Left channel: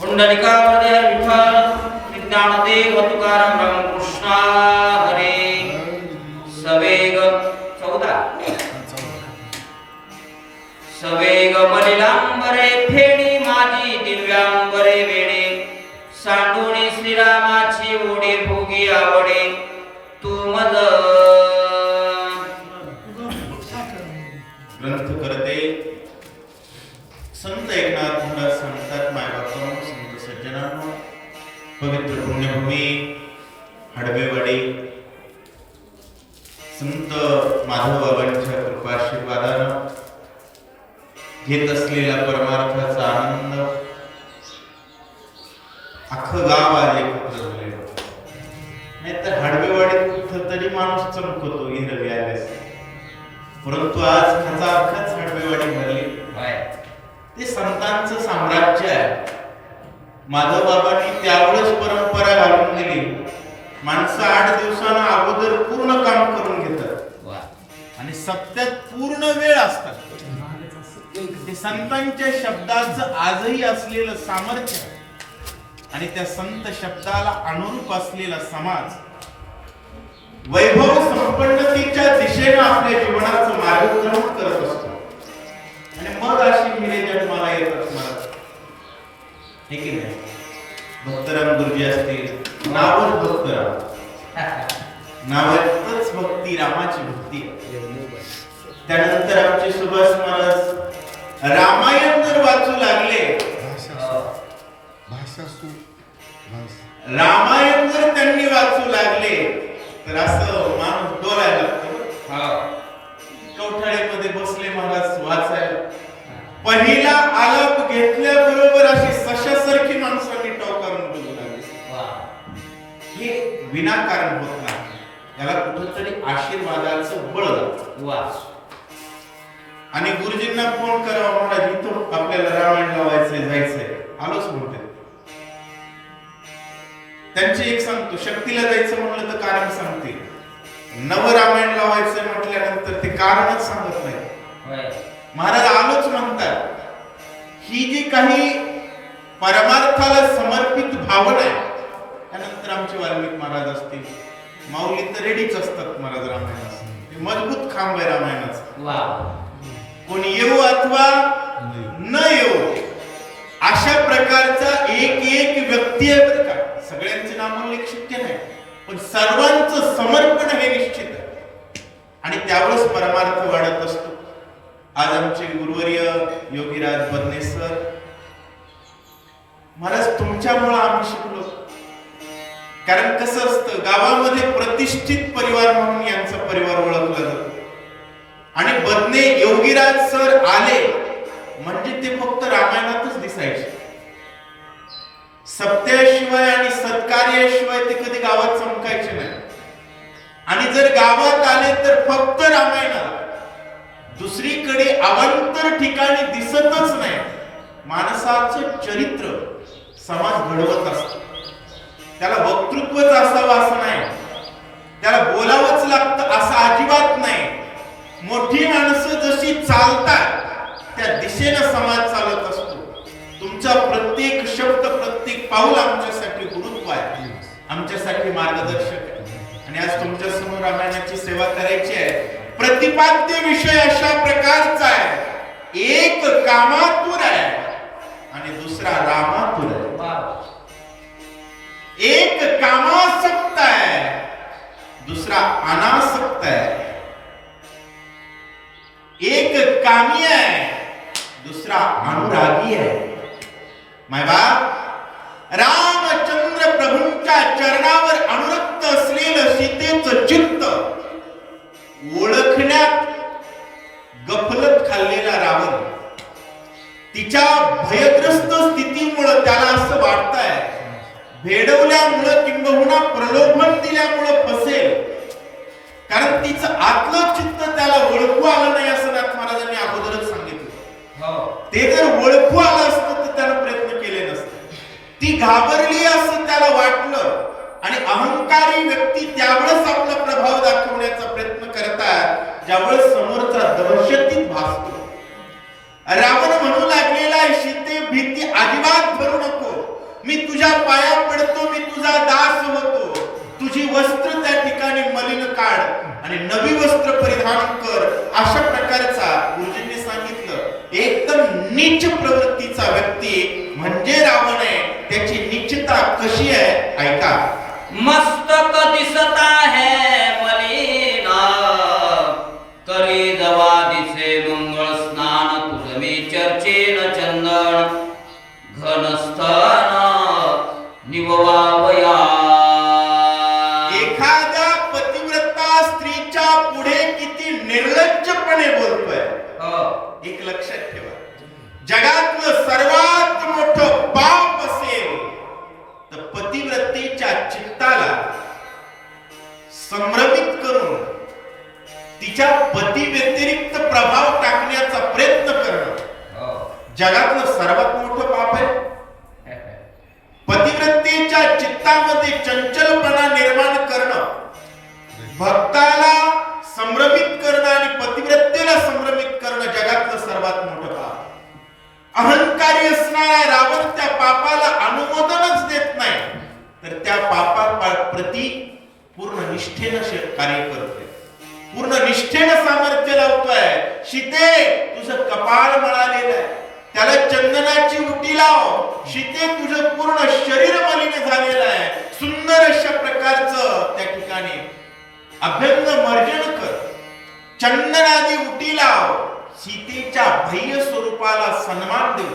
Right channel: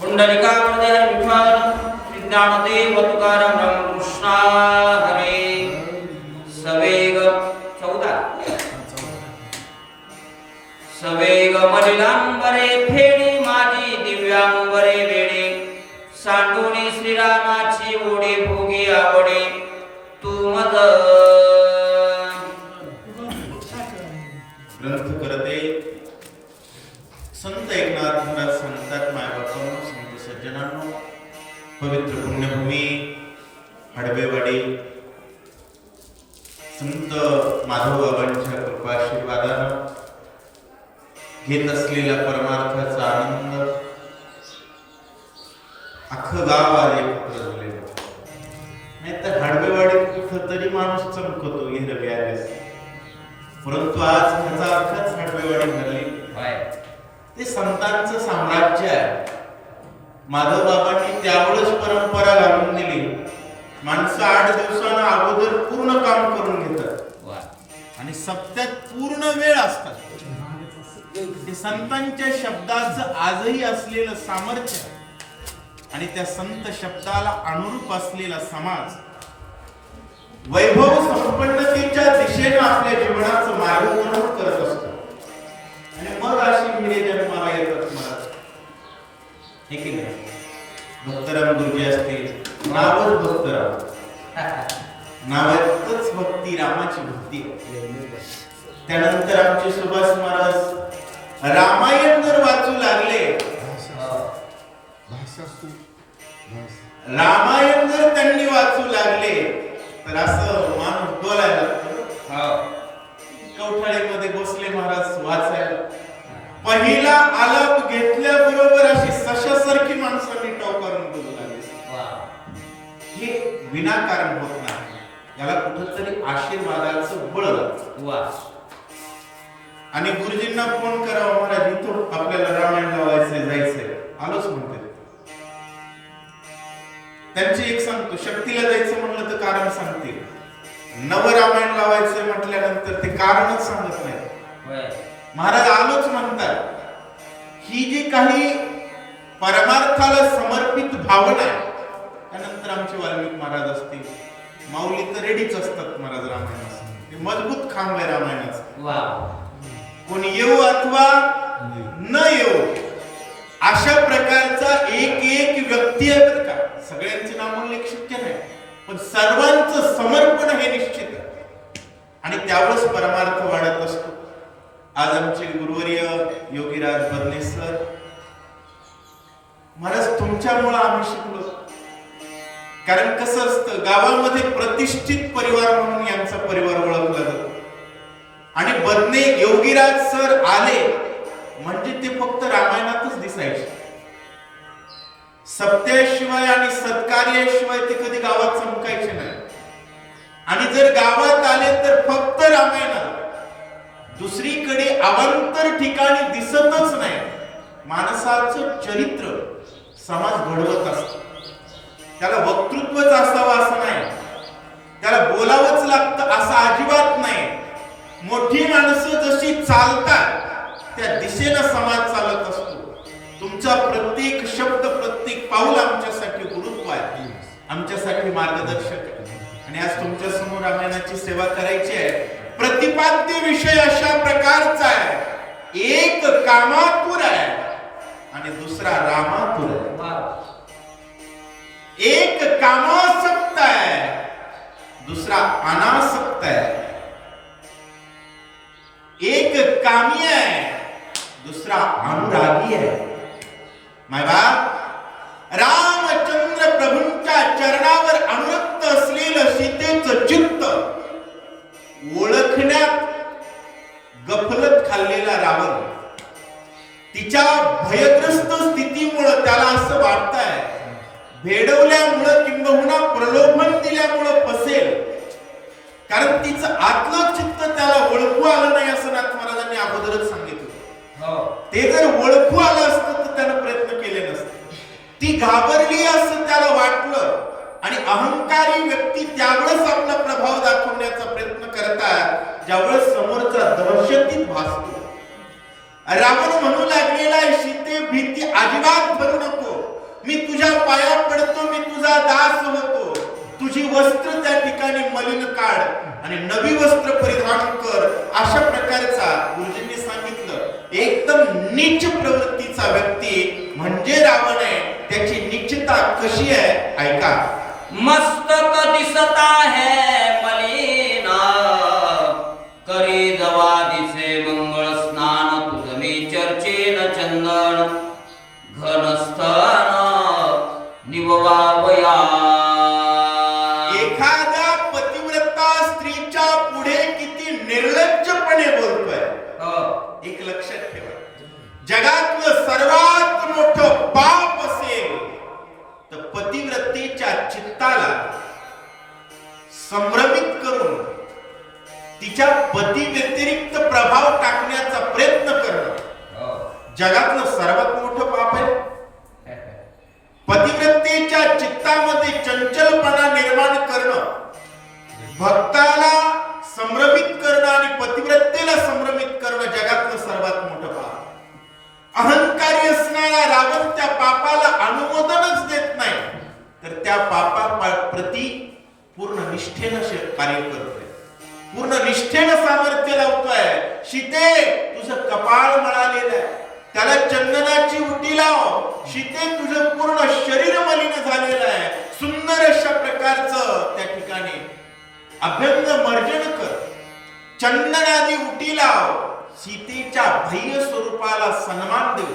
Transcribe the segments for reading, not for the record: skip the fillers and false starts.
पुंडलिका हृदय विठ्ठल विज्ञानदेव तुकाराम रामकृष्ण हरे सवेग 14 सवेग मलिलांबरे फेडी माझी दिव्यांबरे वेडे सांडुणी श्रीरामाची ओढे भोगी आवडे तू मज ग्रंथ करते संत एकनाथ महाराज सांगतात मायबापांनो संत सज्जनांनो पवित्र पुण्यभूमी हडबेवाडी संत माधव बाबांच्या कृपाशीर्वादानं घेत असलेला परमार्थाचा आनंद अख्खं गाव आज एकत्र झालेलं नाहीतर हडबेवाडीत कुठं तरी माणूस चमकतो हिरवी आल्यास परंतु आज ह्याचा अख्खाच हडबेवाडी भरली ते संतांचं साम्राज्य आहे. माधव बाबांनी त्यावेळेस परंपरा घालून दिली. माणसं 8 दिवसांना अगोदर पूर्ण काम करून घेतात आणि सप्त्यात पूर्ण वेळ असतात. ते संतांच्या शब्दाचं आजही असलेलं सामर्थ्य आणि त्या संत शब्दाला अनुरूप असलेला समाज वैभव संपन्नतेच्या दिशेने आपल्या जीवनाचं मार्गक्रमण करत असतो आणि मग अशी हिरे जन्माला येतात. मला हे की नाही भक्तराम गुरुजी असतील नावच भक्तराम नावातच भक्ती रामाची भक्ती. त्यानंतर आमचे सुभाष महाराज रामायण जर वाचू लागले रामायण जर त्यांनी वाचू लागले तर असं माणूस डोलायला लागतो. कवठाळीमध्ये बसले महाराज वाचायला पहिला आलाप घेतल्याबरोबर अशी सशासारखी माणसांनी टवकारून बघू लागली. हे विनाकारण होत नाही. याला कुठेतरी आशीर्वादाचं बळ लागतं. आणि गुरुजींना फोन करावा महाराज इथं आपल्याला रामायण लावायचंय जायचंय आलोच म्हणते. त्यांची एक सांगतो शक्तीला जायचं म्हणलं तर कारण सांगते नवरामायण लावायचंय म्हटल्यानंतर ते कारणच सांगत नाही. महाराज आलोच म्हणतात. ही जी काही परमार्थाला समर्पित भावना आहे त्यानंतर आमचे वाल्मिक महाराज असतील माऊली तर रेडीच असतात. महाराज रामायणाचं मजबूत खांब आहे रामायणाचं. कोणी येऊ अथवा न येऊ अशा प्रकारचा एक व्यक्ती आहे बरं का. सगळ्यांचे नामोल्लेख शक्य नाही पण सर्वांचं समर्पण हे निश्चित आहे आणि त्यावेळेस परमार्थ वाढत असतो. आज आमचे गुरुवर्य योगीराज बदने सर महाराज तुमच्यामुळे आम्ही शिकलो. कारण कसं असतं गावामध्ये प्रतिष्ठित परिवार म्हणून यांचा परिवार ओळखला जातो आणि बदने योगीराज सर आले म्हणजे ते फक्त रामायणातच दिसायचे. सत्याशिवाय आणि सत्कार्याशिवाय ते कधी गावात चमकायचे नाही आणि जर गावात आले तर फक्त रामायणाला. दुसरीकडे अवांतर ठिकाणी दिसतच नाही. माणसाचं चरित्र समाज घडवत असतो. त्याला वक्तृत्वच असावं असं नाही. त्याला बोलावंच लागतं असं अजिबात नाही. मोठी माणसं जशी चालतात त्या दिशेनं समाज चालत असतो. तुमचा प्रत्येक शब्द प्रत्येक पाऊल आमच्यासाठी गुरुत्व आहे आमच्यासाठी मार्गदर्शक आहे. आणि आज तुमच्या समोर रामायणाची सेवा करायची आहे. प्रतिपाद्य विषय अशा प्रकारचा आहे. एक कामातुर आहे आणि दुसरा रामातुर आहे. एक कामासक्त आहे दुसरा अनासक्त आहे. एक कामी आहे दुसरा अनुरागी आहे. मायबाप रामचंद्र प्रभूंच्या चरणावर अनुरक्त असलेलं सीतेचं चित्त ओळखण्यात गफलत खाल्लेला रावण तिच्या भयग्रस्त स्थितीमुळे त्याला असं वाटतंय भेडवल्यामुळं किंबहुना प्रलोभन दिल्यामुळं फसेल. कारण तिचं आतलं चित्त त्याला ओळखू आलं नाही असं नाथ महाराजांनी अगोदरच सांगितलं. ते जर ओळखू आलं असतं तर त्यानं प्रयत्न केले नसते. ती घाबरली असं त्याला वाटलं आणि अहंकारी व्यक्ती त्यावेळेस आपला प्रभाव दाखवण्याचा प्रयत्न करतात ज्यावेळेस समोरचा दहशतीत भासतो. रावण म्हणू लागलेला आहे, सीते भीती अजिबात धरू नको, मी तुझ्या पाया पडतो, मी तुझा दास होतो, तुझी वस्त्र त्या ठिकाणी मलिन काढ आणि नवी वस्त्र परिधान कर. अशा प्रकारचा गुरुजींनी सांगितलं एकदम नीच प्रवृत्तीचा व्यक्ती म्हणजे रावण आहे. त्याची नीचता कशी आहे ऐका. मस्तक दिसता है मलिना, करे जवा दिसे मंगळ स्नान, तुझमी चर्चेन चंदन, घनस्थान निववावया. एखाद्या पतिव्रता स्त्रीच्या पुढे किती निर्लज्जपणे बोलतोय. एक लक्षात ठेवा, जगातलं सर्वात मोठं पाप असेल तर पतिव्रतेच्या चित्ताला संभ्रमित करून तिच्या पती व्यतिरिक्त प्रभाव टाकण्याचा प्रयत्न करणं जगातलं सर्वात मोठं पाप आहे. पतिव्रतेच्या चित्तामध्ये चंचलपणा निर्माण करणं, भक्ताला संभ्रमित करणं आणि पतिव्रतेला संभ्रमित करणं जगातलं सर्वात मोठं पाप. अहंकारी असणारा रावण त्या पापाला अनुमोदनच देत नाही, तर त्या पापाप्रती पूर्ण निष्ठेनं कार्य करतोय, पूर्ण निष्ठेनं सामर्थ्य लावतोय. सीते तुझं कपाळ मळालेलं आहे, त्याला चंदनाची उटी लाव. सीते तुझं पूर्ण शरीर मलिन झालेलं आहे, सुंदर अशा प्रकारचं त्या ठिकाणी अभ्यंग मर्जन कर, चंदनादी उटी लाव. सीतेच्या बाह्य स्वरूपाला सन्मान देऊ,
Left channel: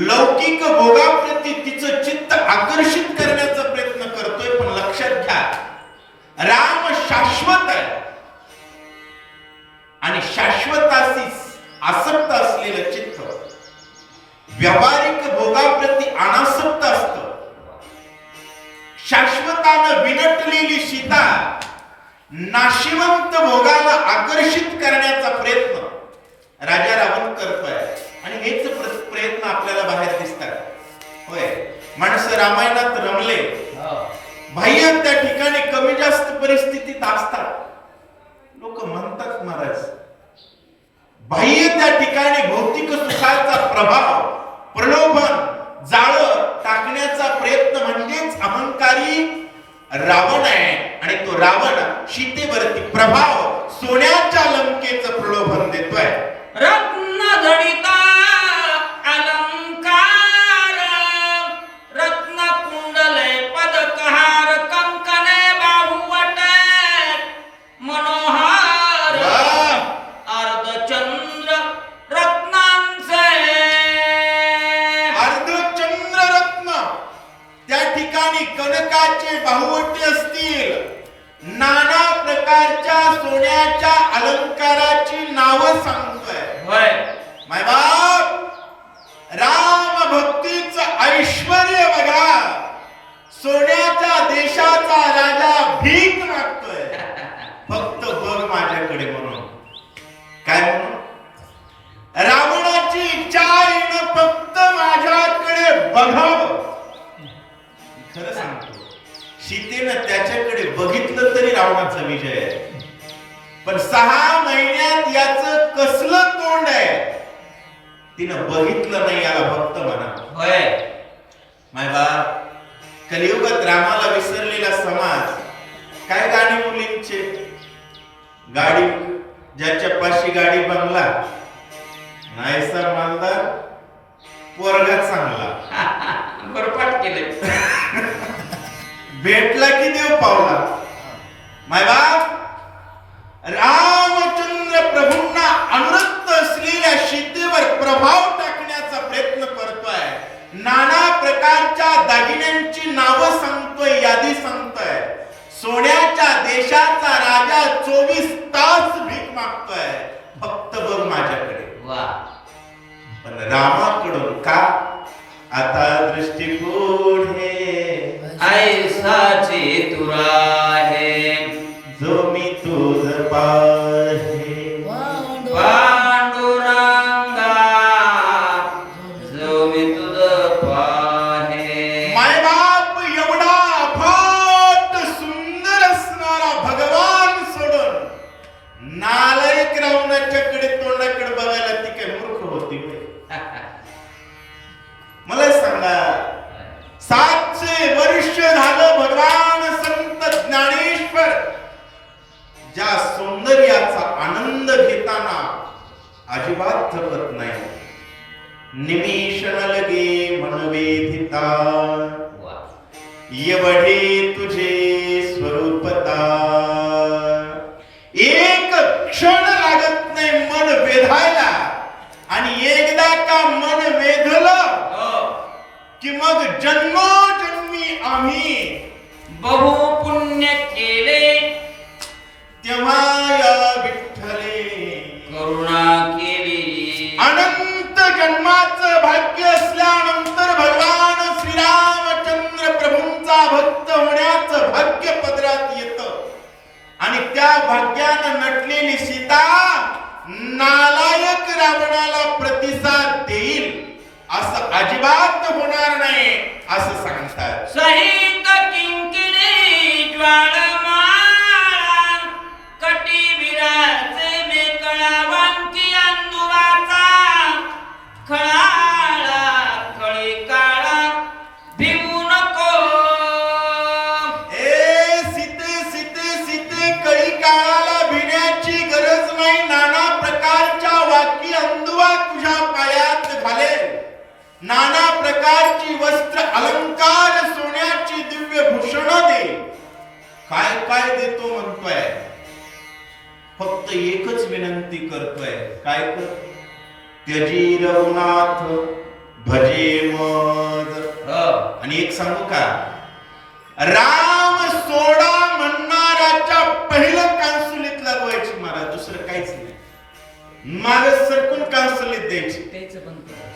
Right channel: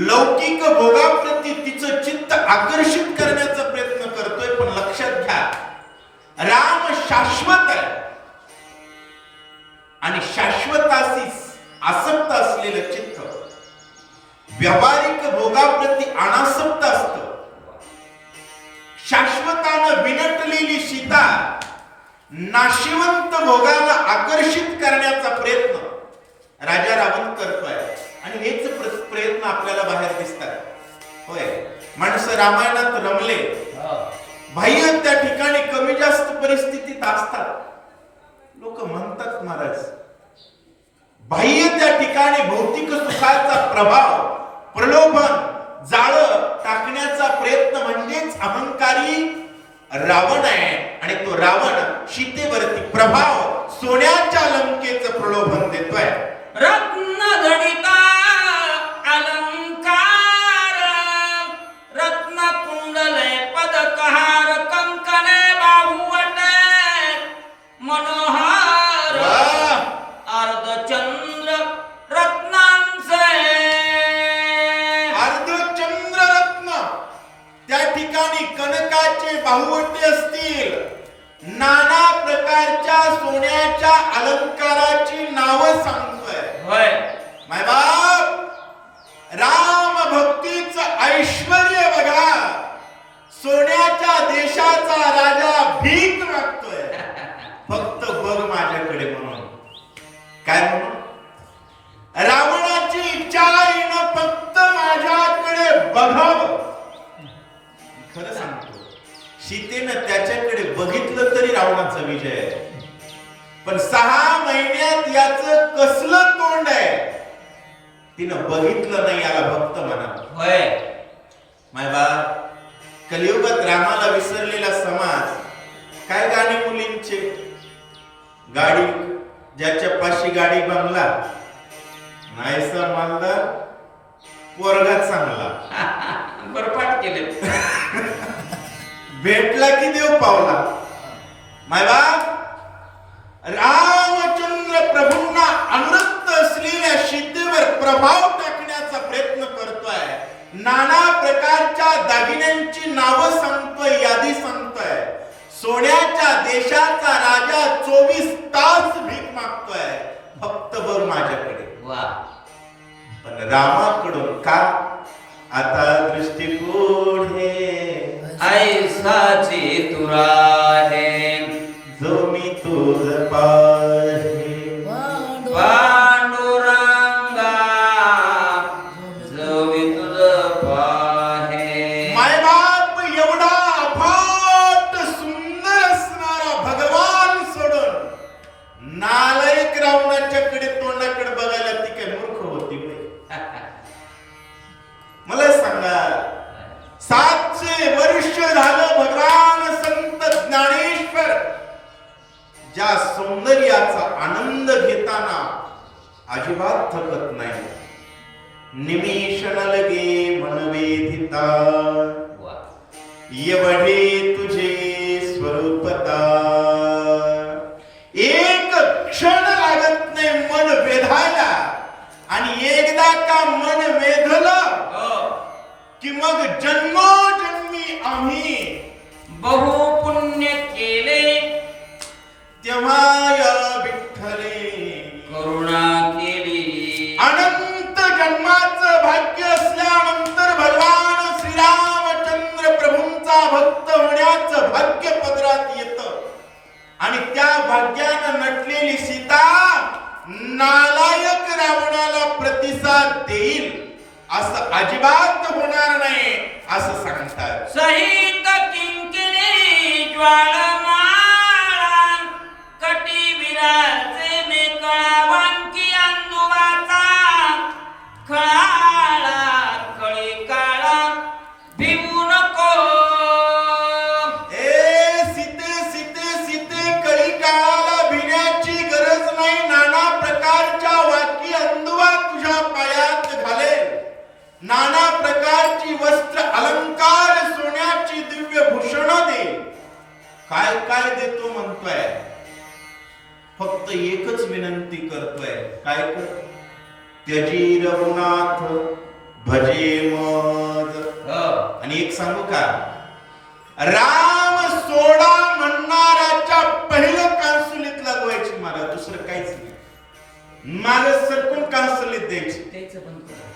लौकिक भोगाप्रती तिचं चित्त आकर्षित करण्याचा प्रयत्न करतोय. पण लक्षात घ्या, राम शाश्वत आहे आणि शाश्वताशी आसक्त असलेलं चित्त व्यावहारिक भोगाप्रती अनासक्त असतं. शाश्वतानं विनटलेली सीता नाशिवंत भोगाला आकर्षित करण्याचा प्रयत्न राजा रावण करतोय आणि हेच प्रयत्न आपल्याला बाहेर दिसतात. होय, माणसं रामायणात रमले, बाह्य त्या ठिकाणी कमी जास्त परिस्थितीत असतात. लोक म्हणतात महाराज, बाह्य त्या ठिकाणी भौतिक सुखाचा प्रभाव, प्रलोभन, जाळ टाकण्याचा प्रयत्न म्हणजेच अहंकारी रावण आहे. आणि तो रावण सीतेवरती प्रभाव, सोन्याच्या लंकेचं प्रलोभन देतोय. रत्न जडिता अलंकार, रत्न कुंडले पदकहार, कंकणे बाहुवटे मनोहार, अर्धचंद्र रत्नांचे. अर्धचंद्र रत्न त्या ठिकाणी कनकाचे बाहुवटे असतील, नाना प्रकारच्या सोन्याच्या अलंकाराची नावं सांगतोय. होय माय बाप, राम भक्तीचं ऐश्वर्य बघा. सोन्याच्या देशाचा राजा भीक मागतोय, फक्त बघ माझ्याकडे म्हणून. काय म्हणून? रावणाची इच्छा आहे ना, फक्त माझ्याकडे बघावं. खरं सांगतो, सीतेनं त्याच्याकडे बघितलं तरी रावणाचा विजय आहे. पण 6 महिन्यात याचं कसलं तोंड आहे, तिनं बघितलं नाही, याला भक्त म्हणा. होय माय बा, कलियुगात रामाला विसरलेला समाज. काय गाणी मुलींचे, गाडी ज्याच्या पाशी गाडी बंगला, नाहीसा मालदार, पोरगा चांगला. बरपाट केले. भेटला की देव पावला. माय बाप, रामचंद्र प्रभूंना अनुरक्त असलेल्या सीतेवर प्रभाव टाकण्याचा प्रयत्न करतोय. नाना प्रकारच्या दागिन्यांची नावं सांगतोय, यादी सांगतोय. सोन्याच्या देशाचा राजा 24 तास भीक मागतोय, फक्त बघ माझ्याकडे. वा. पण रामाकडून का आता दृष्टी पुढे ऐसाची तुरा है, जो मी तुझ पाहे. पांडुरंग अजिबात थकत नाही. निमिष न लगे मनवेधिता, वा. एवढे तुझे स्वरूपता. एक क्षण लागत नाही मन वेधायला, आणि एकदा का मन वेधलं हो. की मग जन्मोजन्मी आम्ही बहु पुण्य केले, तेव्हा या विठ्ठले करुणा केली. अनंत जन्माचं भाग्य असल्यानंतर भगवान श्रीरामचंद्र प्रभूंचा भक्त होण्याचं भाग्य पदरात येतं, आणि त्या भाग्यानं नटलेली सीता नालायक रावणाला प्रतिसाद देईल असं अजिबात होणार नाही असं सांगतात. सहित किंकिणी ज्वाळमाळा, कटी विराचे मेकळावांकी अंदुवाचा, खळाळा कळी काळा भिवू नको. ए सीते सीते सीते, कळी काळाला भिण्याची गरज नाही. नाना प्रकारच्या वाकी अंदुवा तुझ्या पायात घालेल, नाना प्रकारची वस्त्र अलंकार सोन्याची दिव्य भूषण दे. काय काय देतो म्हणतोय, फक्त एकच विनंती करतोय. काय कर? त्यजी रघुनाथ भजे मद. आणि एक सांगू का, राम सोडा म्हणणाराच्या पहिलं कांसुलीत लागवायची मला, दुसरं काहीच नाही. माग सरकून कांसुलीत द्यायची. त्याचं बंद कर.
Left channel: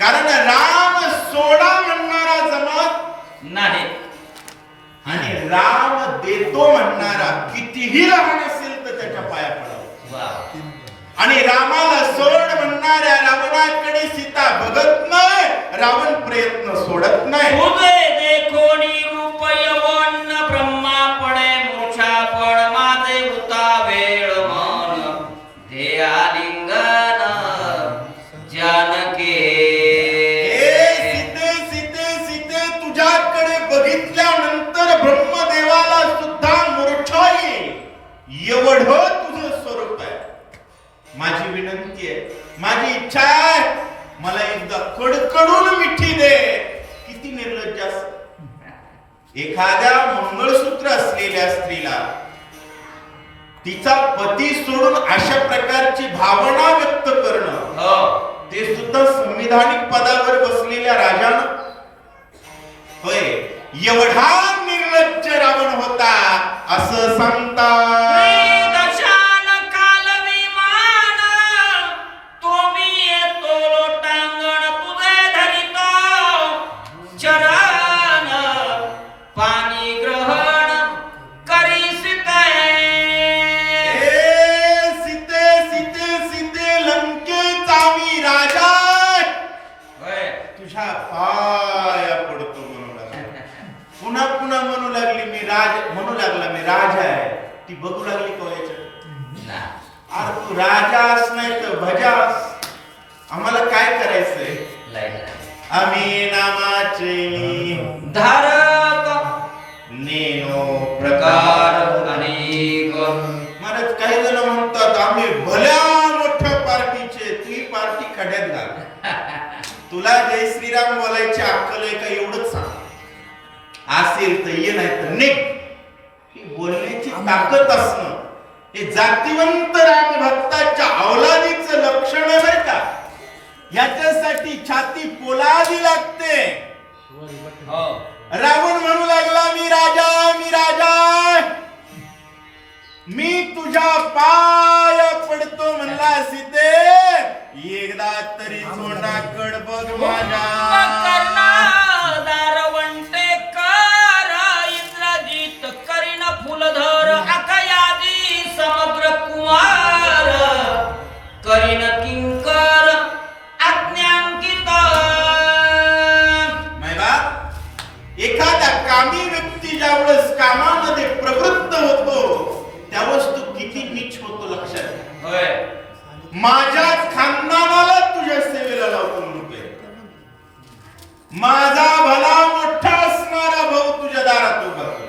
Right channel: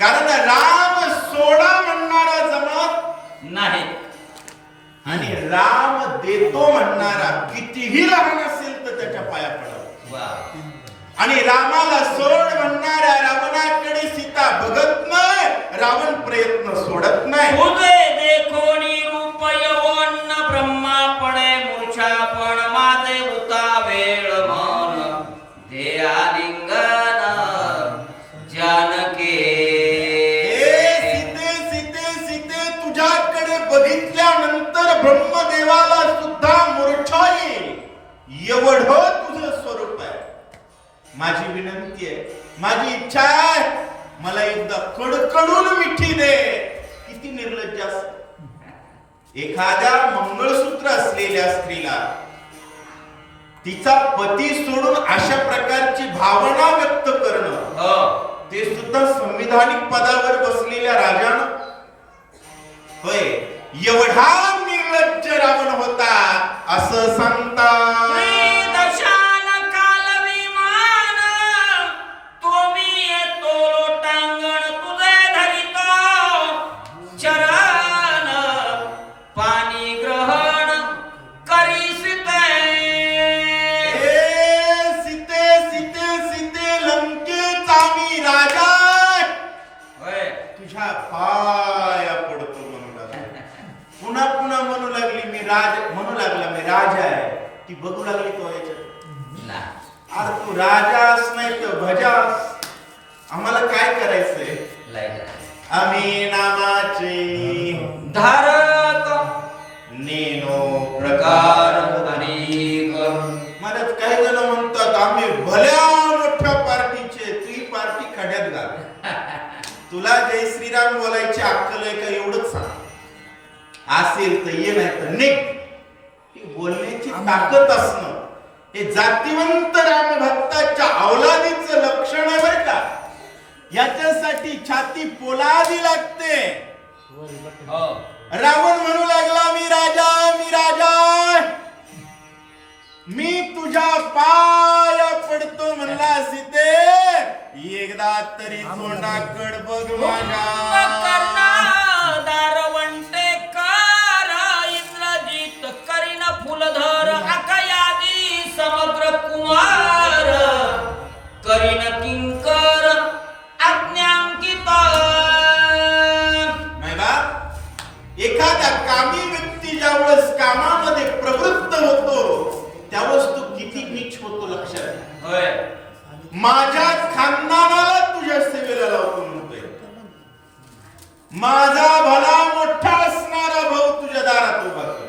कारण राम सोडा म्हणणारा जमत नाही, आणि राम देतो म्हणणारा कितीही लहान असेल तर त्याच्या पाया पडावं. वा. आणि रामाला सोड म्हणणाऱ्या रावणाकडे सीता बघत नाही, रावण प्रयत्न सोडत नाही. तुझे देखोनी रूप यवन, ब्रह्मा पडे मूर्छा पण माझे वृता वेळ मन, ध्येया लिंगन जानके. सीते सीते सीते, तुझ्याकडे बघितल्यानंतर ब्रह्मदेवाला सुद्धा मूर्छा येईल, एवढं तुझं स्वरूप आहे. माझी विनंती आहे, माझी इच्छा आहे, मला एकदा कडकडून मिठी दे. किती निर्लज्ज असत. एखाद्या मंगळसूत्र असलेल्या स्त्रीला तिचा पती सोडून अशा प्रकारची भावना व्यक्त करणं, ते सुद्धा संविधानिक पदावर बसलेल्या राजानं. होय, एवढा निर्लज्ज रावण होता असं सांगतात. दशान काल विमान, तुम्ही येतो लोटांगण तुझे धरितो, चरण पाणी ग्रहण करीसिते. सीते सीते सीते, लंकेचा मी राजा तुझ्या पाया पडतो म्हणू लागला. पुन्हा पुन्हा म्हणू लागली मी म्हणू लागला मी राजा आहे. ती बघू लागली तो याच्यात, अरे तू राजास नाही तर भजास, आम्हाला काय करायचंय? आम्ही नामाचे धारक नेनो प्रकार अनेक. महाराज काही जण म्हणतात आम्ही भल्या मोठ्या पार्टीचे, तुझी पार्टी खड्यात घाल. तुला जय श्रीराम बोलायची अक्कल आहे का एवढंच सांग. असेल तर ये, नाही तर निघ. ही बोलण्याची ताकद असणं हे जातिवंत राम भक्ताच्या अवलादीचं लक्षण आहे का. याच्यासाठी छाती पोलादी लागते. रावण म्हणू लागला मी राजा, मी राजा, मी तुझ्या पाया पडतो म्हणला. सीते एकदा तरी तोंडाकड बघ माझ्या. दारवंटे कर इंद्रजित करीन फुलधर, अकयादी समग्र कुमार करीन किंकर आज्ञांकित. एखादा कामी व्यक्ती ज्यावेळेस कामामध्ये प्रवृत्त होतो त्यावेळेस तो किती नीच होतो लक्षात घ्या. माझ्या खानदानाला तुझ्या सेवेला लावतो म्हणतोय. माझा भला मोठा असणारा भाऊ तुझ्या दारात उभा कर.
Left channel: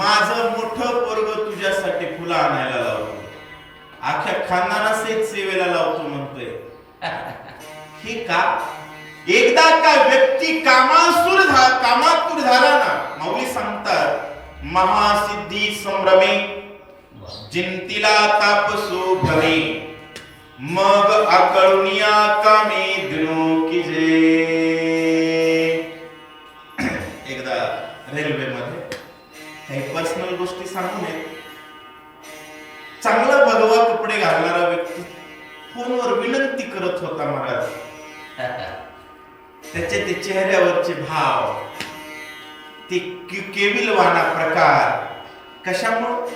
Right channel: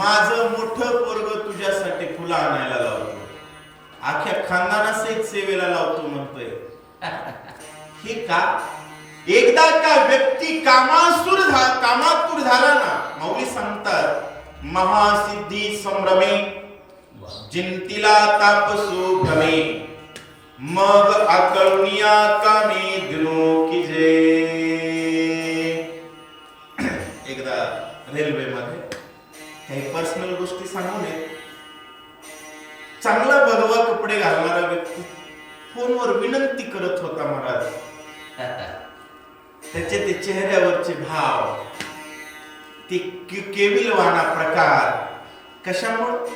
माझं मोठं पोरग तुझ्यासाठी फुलं आणायला लावतो. अख्ख्या खानदानासहित सेवेला लावतो म्हणतोय. हे का? एकदा का व्यक्ती कामातूर झाला ना, मौली सांगतात महासिद्धी संभ्रमे जिंतीला तापसो भ्रमे मग आकळुनिया कामे दिनो की जे. एकदा रेल्वेमध्ये काही पर्सनल गोष्टी सांगू नये, चांगला भगवा कपडे घालणारा व्यक्ती फोनवर विनंती करत होता महाराज. त्याचे ते चेहऱ्यावरचे भाव, ते केविलवाणा प्रकार कशामुळे?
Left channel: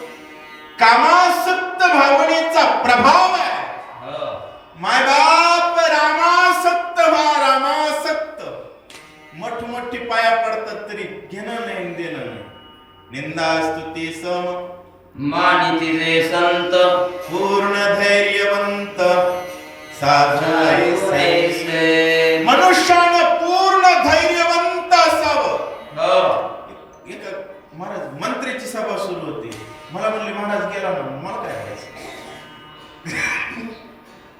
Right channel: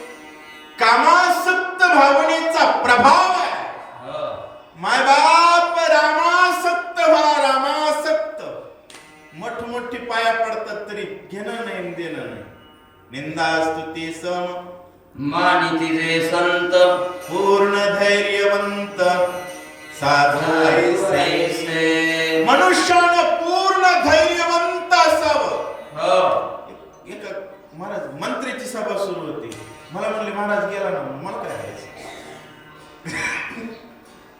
कामासक्त भावनेचा प्रभाव आहे. मायबाप रामासक्त रामासक्त मोठमोठी पाया पडतात तरी घेणं नाही देणं नाही. निंदा स्तुती सम मानिती संत पूर्ण धैर्यवंत साधू ऐसे. मनुष्यानं पूर्ण धैर्यवंत असावं. एक महाराज मंत्र्याची सभा सुरू होती. मला म्हणले महाराज गेला ना, मला काय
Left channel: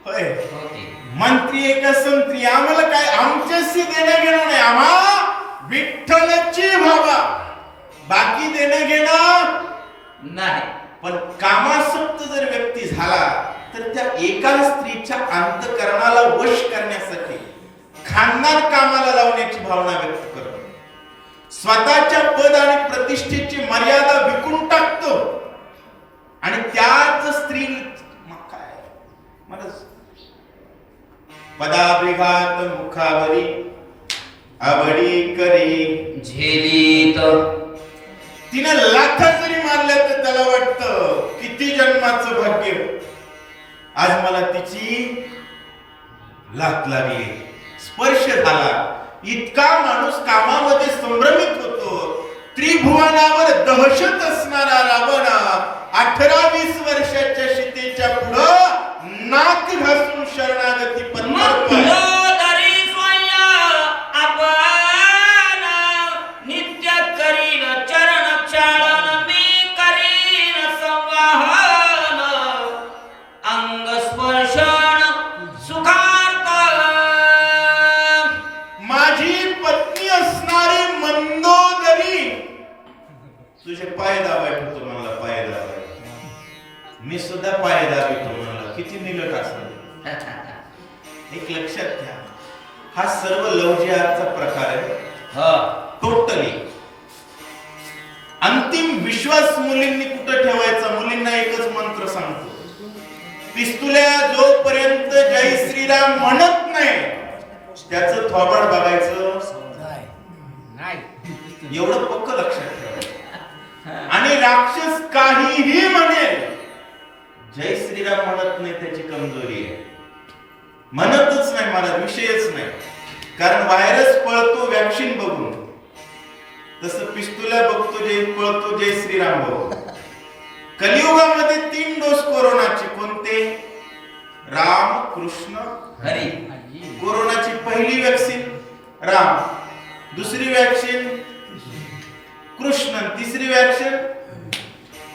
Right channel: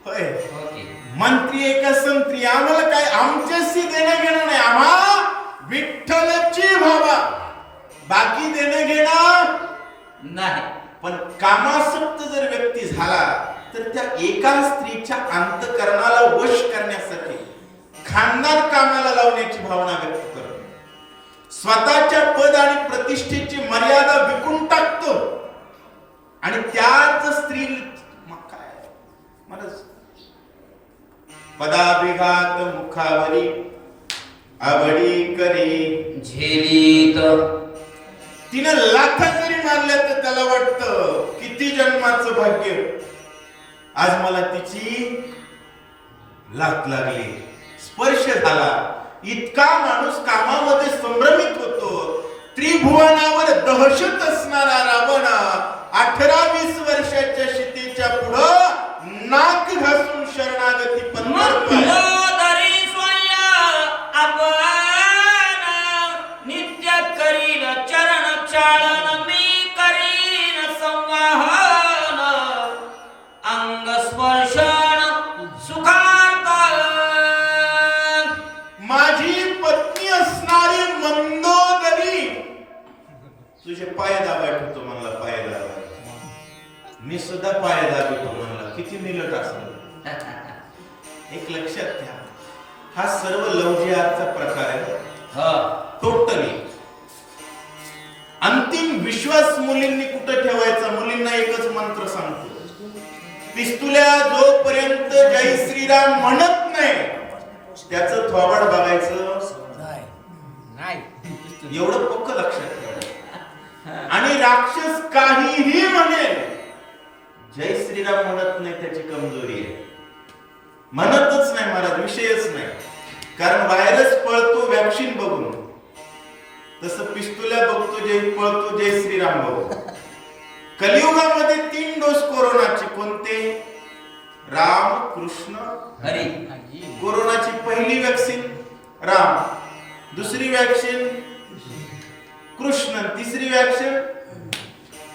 होय मंत्री एका संत्री, आम्हाला काय आमच्याशी देणं घेणं नाही. आम्हा विठ्ठलची भावा, बाकी देणं घेणं नाही. पण कामासक्त जर व्यक्ती झाला तर त्या एका स्त्रीच्या अंतःकरणाला वश करण्यासाठी खानदान कामाला लावण्याची भावना व्यक्त करतो. स्वतःच्या पद आणि प्रतिष्ठेची मर्यादा विकून टाकतो आणि त्याच स्त्री काय मला पदाभिघात मुखावरी आवडी करी झेलीत. तिने लाथा जरी मारल्या तर त्याला वाटतं किती जन्माचं भाग्य, आज मला तिची लाथ लागली, स्पर्श झाला. इतका माणूस कामामध्ये संभ्रमित होतो. त्रिभुवनावर दहशत असणारा रावण 18-20 वर्षाच्या सीतेच्या पुढं नाक घासून शरणागती पत्करतोय. नित्य करीन चरण चालन मी करीन संवाहन अंग स्पर्शन सुखार्थ. माझी पत्नी असणारी मंदोदरी तुझे पाय दाबायचो मला, पाय दाबाय, मी सुद्धा पाय दाबितो म्हणला. किती निलट असेल. एक लक्षात घ्या, हा सर्व लवजिहादचा प्रकार आहे. टोटली अंतिम विश्वास मुलींनी कुठं ठेवायचा? मुलींना एकच मंत्र सांगतो, पिस्तुल्या जोपर्यंत जय श्रीराम म्हणत नाही त्याचं थोबाड बघायचं नाही. एवढं पक्क लक्षात ठेवायचं. आणि राक्षस काहीही म्हणेल, जय श्रीराम म्हणत नाही त्याची कमजोरी आहे. म्हणतच नाही महाराज, विषयच नाही. कारण व्हायरस पळतो वॅक्सिन बघून, तसं पिस्तुल्या बघतो पळतो जय श्रीराम बघून. कलियुगामध्ये 3 डोस कोरोनाचे. कोणते? राम कृष्ण हरी. कोरोनाची पहिली वॅक्सिन राम, दुसरी वॅक्सिन कृष्ण, तिसरी वॅक्सिन.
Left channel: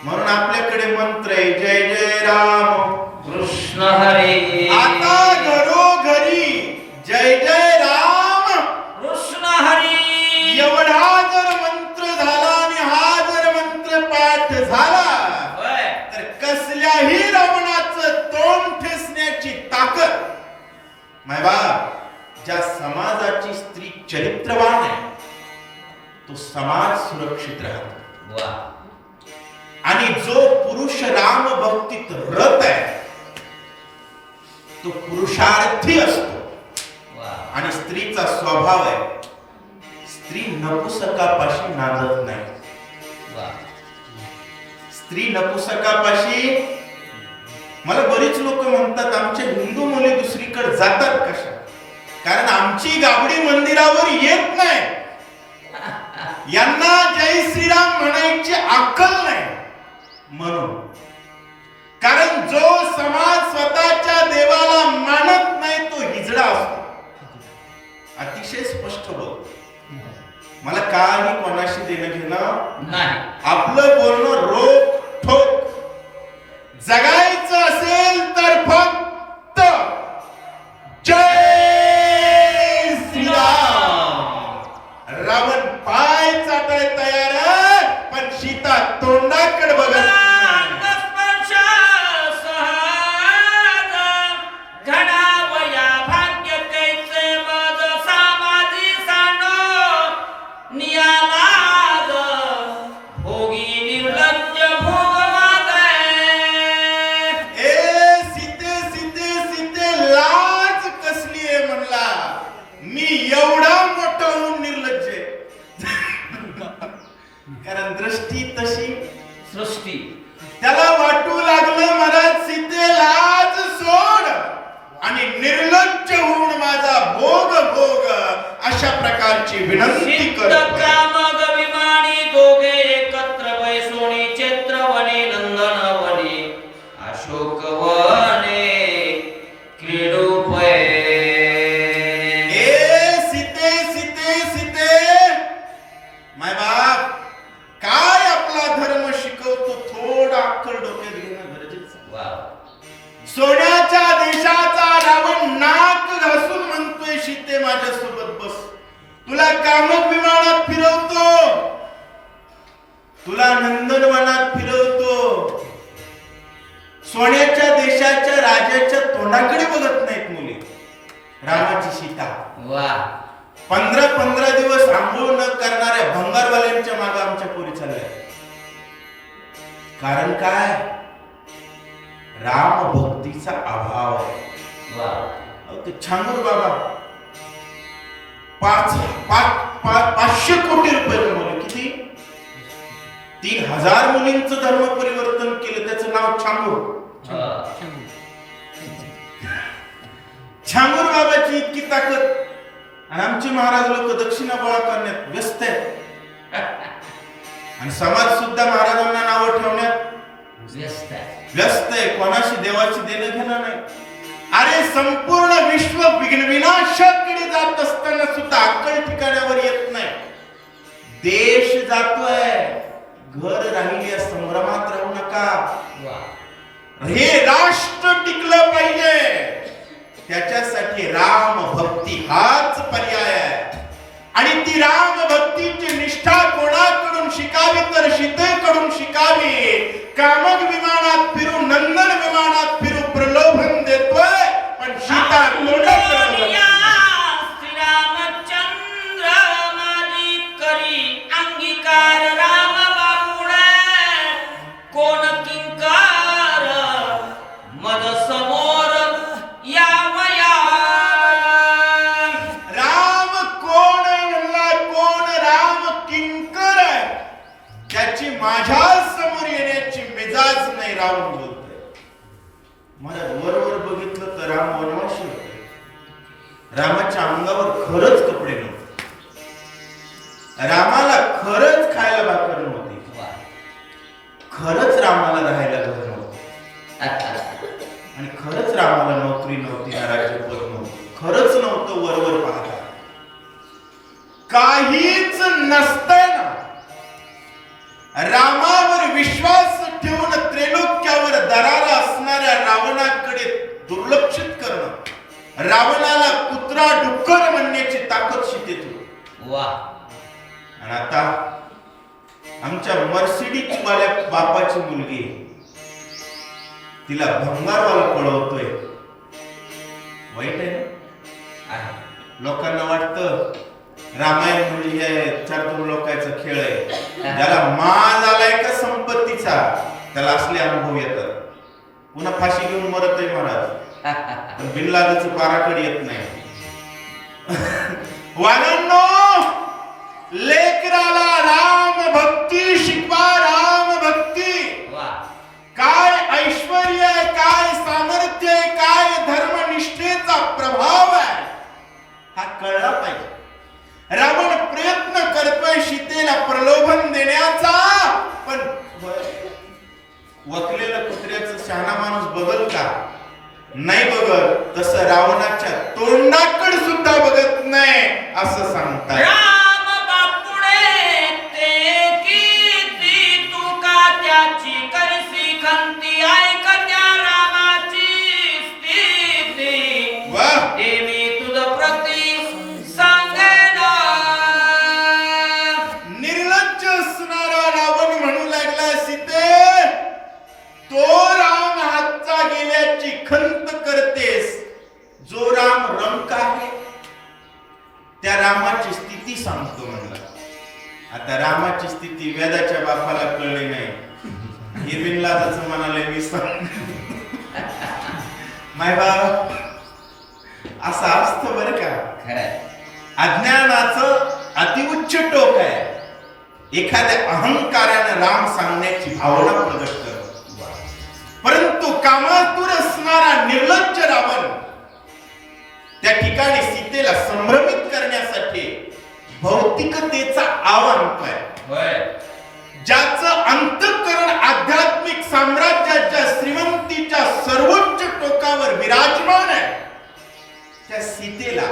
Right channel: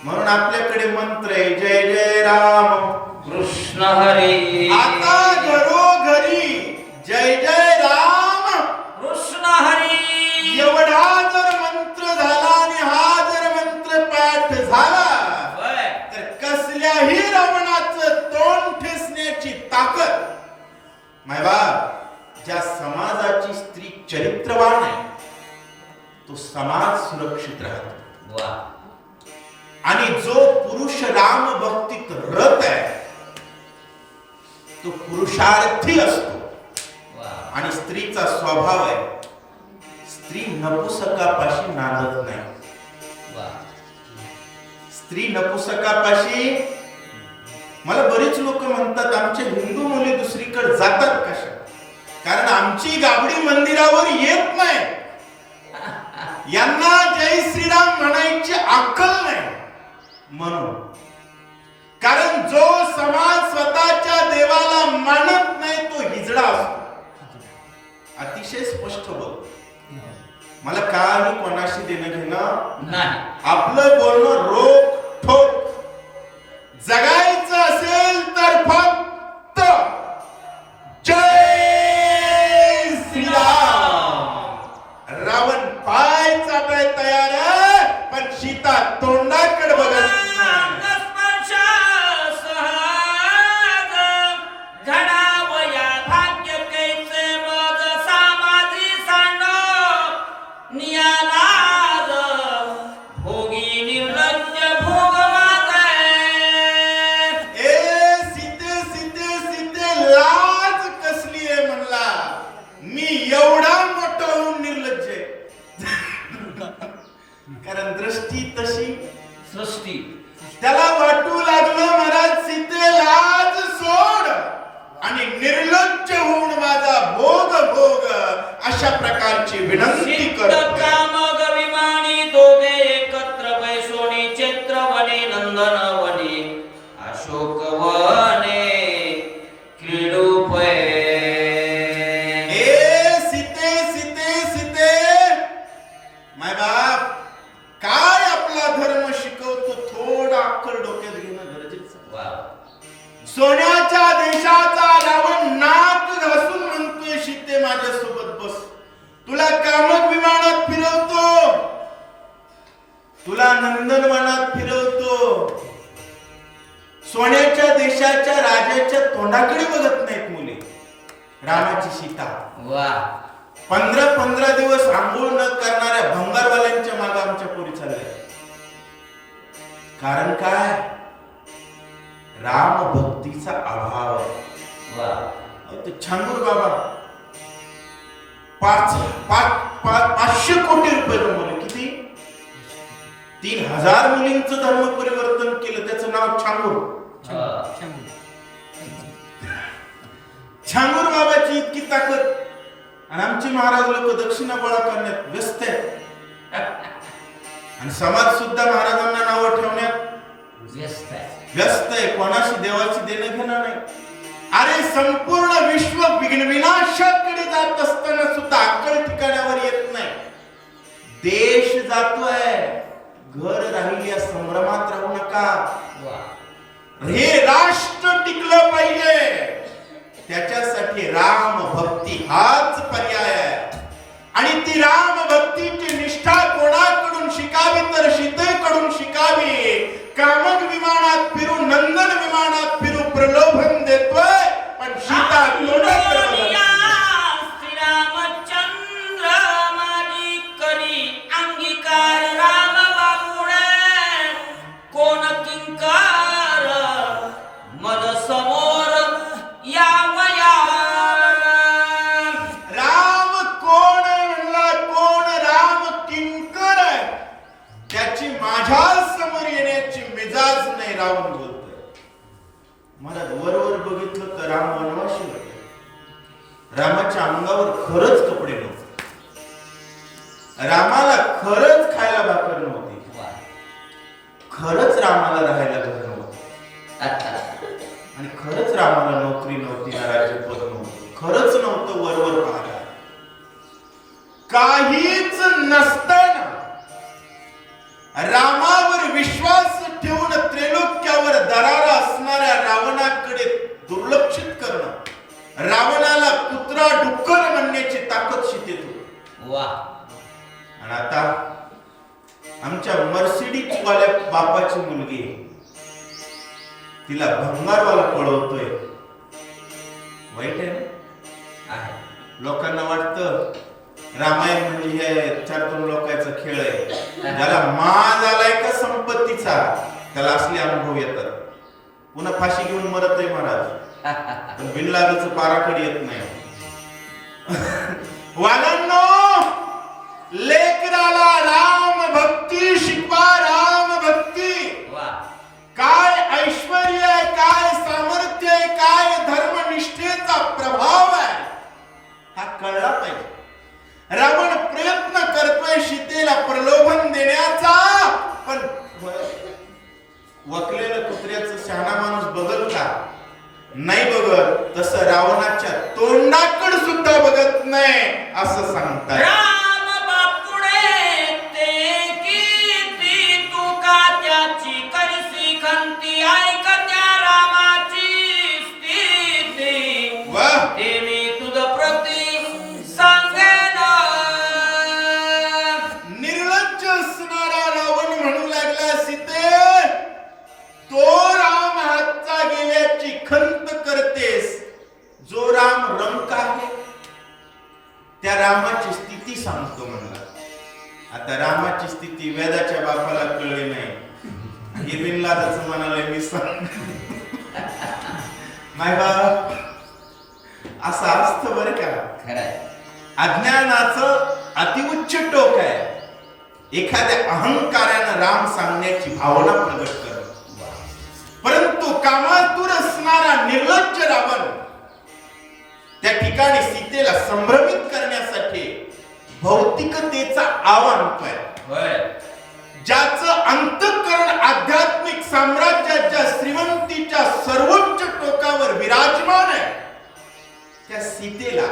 म्हणून आपल्याकडे मंत्र आहे जय जय राम कृष्ण हरी. आता घरोघरी जय जय राम कृष्ण हरी एवढा जर मंत्र झाला आणि हा जर मंत्र पाठ झाला तर कसल्याही रावणाचं तोंड ठेचण्याची ताकद मायबाप. ज्या समाजाची स्त्री चरित्रवान आहे तो समाज सुरक्षित राहतो. आणि जो पुरुष राम भक्तीत रत आहे तो पुरुषार्थी असतो. आणि स्त्रीचा स्वभाव आहे, स्त्री नपुसकापाशी नांदत नाही. स्त्री नपुसकापाशी. मला बरीच लोक म्हणतात आमच्या हिंदू मुली दुसरीकडे जातात कशा? कारण आमची गाबडी मंदिरावर येत नाही. यांना जय श्रीराम म्हणायची अक्कल नाही. म्हणून कारण जो समाज स्वतःच्या देवाला मानत नाही तो हिजडा असतो. अतिशय स्पष्ट बोलतो. मला काही कोणाशी देणं घेणं नाही. आपलं बोलणं रोख ठोक. जगायचं असेल तशी सृष्टी. त्याला वाटू लागलं मला सीते लाज सोड आणि निर्लज्ज होऊन माझा भोग भोग अशा प्रकारची विनंती सिद्ध करतो. कामग विमानी दोघे एकत्र बैसोनी चित्रवने नंदनवने अशोकवने क्रीडूपये. ए सीते सीते सीते माय बाप काय आपला धर्म शिकवतो थोडा अक्कल डोक्यात घेणं गरजेचं आहे. वा. सोन्याच्या देशाचा रावण नाक घासून म्हणतोय सीते माझ्या सोबत बस, तुला कामक विमानात फिरवतो, तुला नंदनवनात फिरवतो. सोन्याच्या देशाच्या राजाच्या तोंडाकडे बघत नाहीत मुली. रामाची सीता वा. 15 दिवस आंघोळ न करणाऱ्या भंगारवाल्यांच्या मागे आमच्या पोरी चालल्या. कारण काय? राम भक्तीचा अभाव. वा. ते छांगूर बाबा 500 कोटी रुपये कमवले. किती? 3000 मुलींचं धर्म परिवर्तन केलं. त्याचं नाव छांगूर. छांगूर बाबाची इतकी ताकद आणि आमचे महाराज लोक दक्षिणा गोळा करण्यात व्यस्त आहेत आणि समाज सुद्धा महाराजांना नावं ठेवण्यात व्यस्त आहे. कोणाशी देवाची देणं घेणं नाही. अरे संपूर्ण विश्व विनाशाकडे जात असताना सुद्धा अक्कल ठिकाणावर येत नाही. देश जातोय, घर राहिली संभ्रमात राहू नका. हे राष्ट्र टिकलं पाहिजे, त्याच्यासाठी राम भक्ती हाच पर्याय आहे. आणि ती राम भक्तीची निष्ठा कोणाकडून शिकावी तर सीतेकडून शिकावी. कामक विमानात फिरू, नंदन विमानात फिरू, प्रलोभन देतोय पण सीता कोणाकडे श्रीरामचंद्र माझी करी अंगीकार राम बाबुणे कोण किंकार मद समोर यावया. राम कोण आहे म्हणला, कोण राम किंकर आहे त्याची माझ्या समोर येण्याची मिजाज नाही. रावण बोलतोय. मला वरवर बघितलं तर राम वनवासी होते. रामाच्या अंगावर खरंच कपडे नव्हते. रामाला खरंच खायला भाकर नव्हती. खरंच रामाला राहायला घर नव्हतं आणि खरंच रामाला नोकरी नव्हती ना राज्यपद नव्हतं. खरंच नव्हतं वरवर पाहता. काहीच नसताना रामावर विश्वास ठेवून त्रैलोक्यावर दरारा असणाऱ्या रावणाकडे दुर्लक्षित करणं, रावणाला कुत्रा डुक्कर म्हणण्याची ताकद सीतेत होती. वा. आणि आता आमच्या मर्सिडीज वाल्या बापाची मुलगी तिला भंगारवाला पळवतोय. वाईट आहे ना? लोकांना वाटतं रामायण म्हणजे हे 4-2 लोकांचा खेळ आहे. ज्याला माज आलाय का संपत्तीचा त्याला असले अनुभव येतात. पुन्हा फाशी घेऊन मरत आहे महाराज, पण बिनलादच पाराकडे येत नाही. वागांनो, लेकराला राम भक्ती शिकवा. राम भक्ती काय ऐश्वर्य आहे, काय सामर्थ्य आहे, काय धर्मनिष्ठेचा प्रभाव आहे हा कळला पाहिजे. रावण प्रयत्न करतोय सीतेला प्रलोभन देण्याचा, पण वकलेलं कुत्र्याचं शहाणा माणूस बघल का? नाही बघत. तसं रावणाच्या तोंडाकडे सुद्धा बघत नाही असं सांगतात. राम बापुडे ते किती तुका त्याची कैसी खंती ऐक त्या रामाची स्थिती. वाह. ते मी तुझ प्रती सांगेन. निर्लज्ज असणारा रावण म्हणू लागला, सीते तो राम हातचा गेल्याची खंत करतेस. जो राम रंक आहे त्या रामाची स्थिती सांगतो म्हणला. आता रामाची स्थिती वेदाच्या बापाला कळली नाही. हे बिनलादाचं म्हणाले मी सांग. माय बाप असं असतं बरं का. खरंय. अज्ञानाचं अतिउच्च टोक आहे. एखाद्या अहंकारानं राम सांगण्याची भावना प्रगट करतो. परंतु कामातूर असणारा निर्लज्ज रावण त्या ठिकाणी सीतेला संभ्रमित करण्यासाठी भौतिकतेचा आव्हान काय, ज्याचं अंतःकरण आध्यात्मिक साम्राज्याच्या श्रीमंतीच्या सर्वोच्च टोकावर विराजमान आहे, त्या सीतेला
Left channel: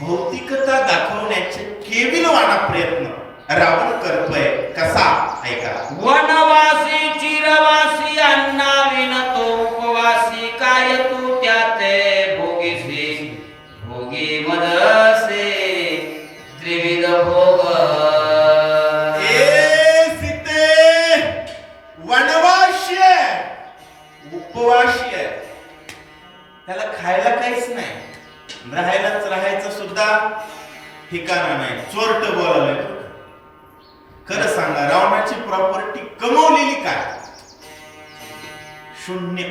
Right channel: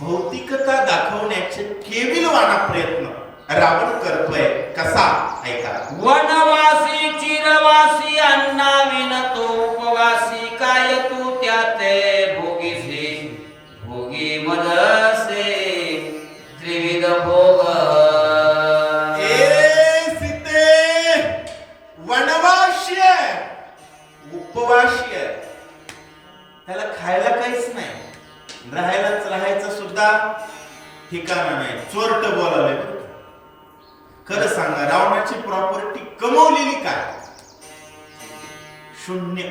भौतिकता दाखवण्याचे केविलवाणा प्रयत्न रावण करतोय. कसा, ऐका. वनवासी चिरवासी अन्ना विनतो उपवासी काय तू त्याते भोगीसी भोगी मदसे त्रिविध भोग. सीते वनवासी आहे, उपवासी आहे, त्याला खायला काहीच नाही, राहायचं सुद्धा ठिकाणा नाही. चोरट बोलायला. खरं सांगा, रावणाची प्रॉपर्टी कमवलेली काय? शून्य.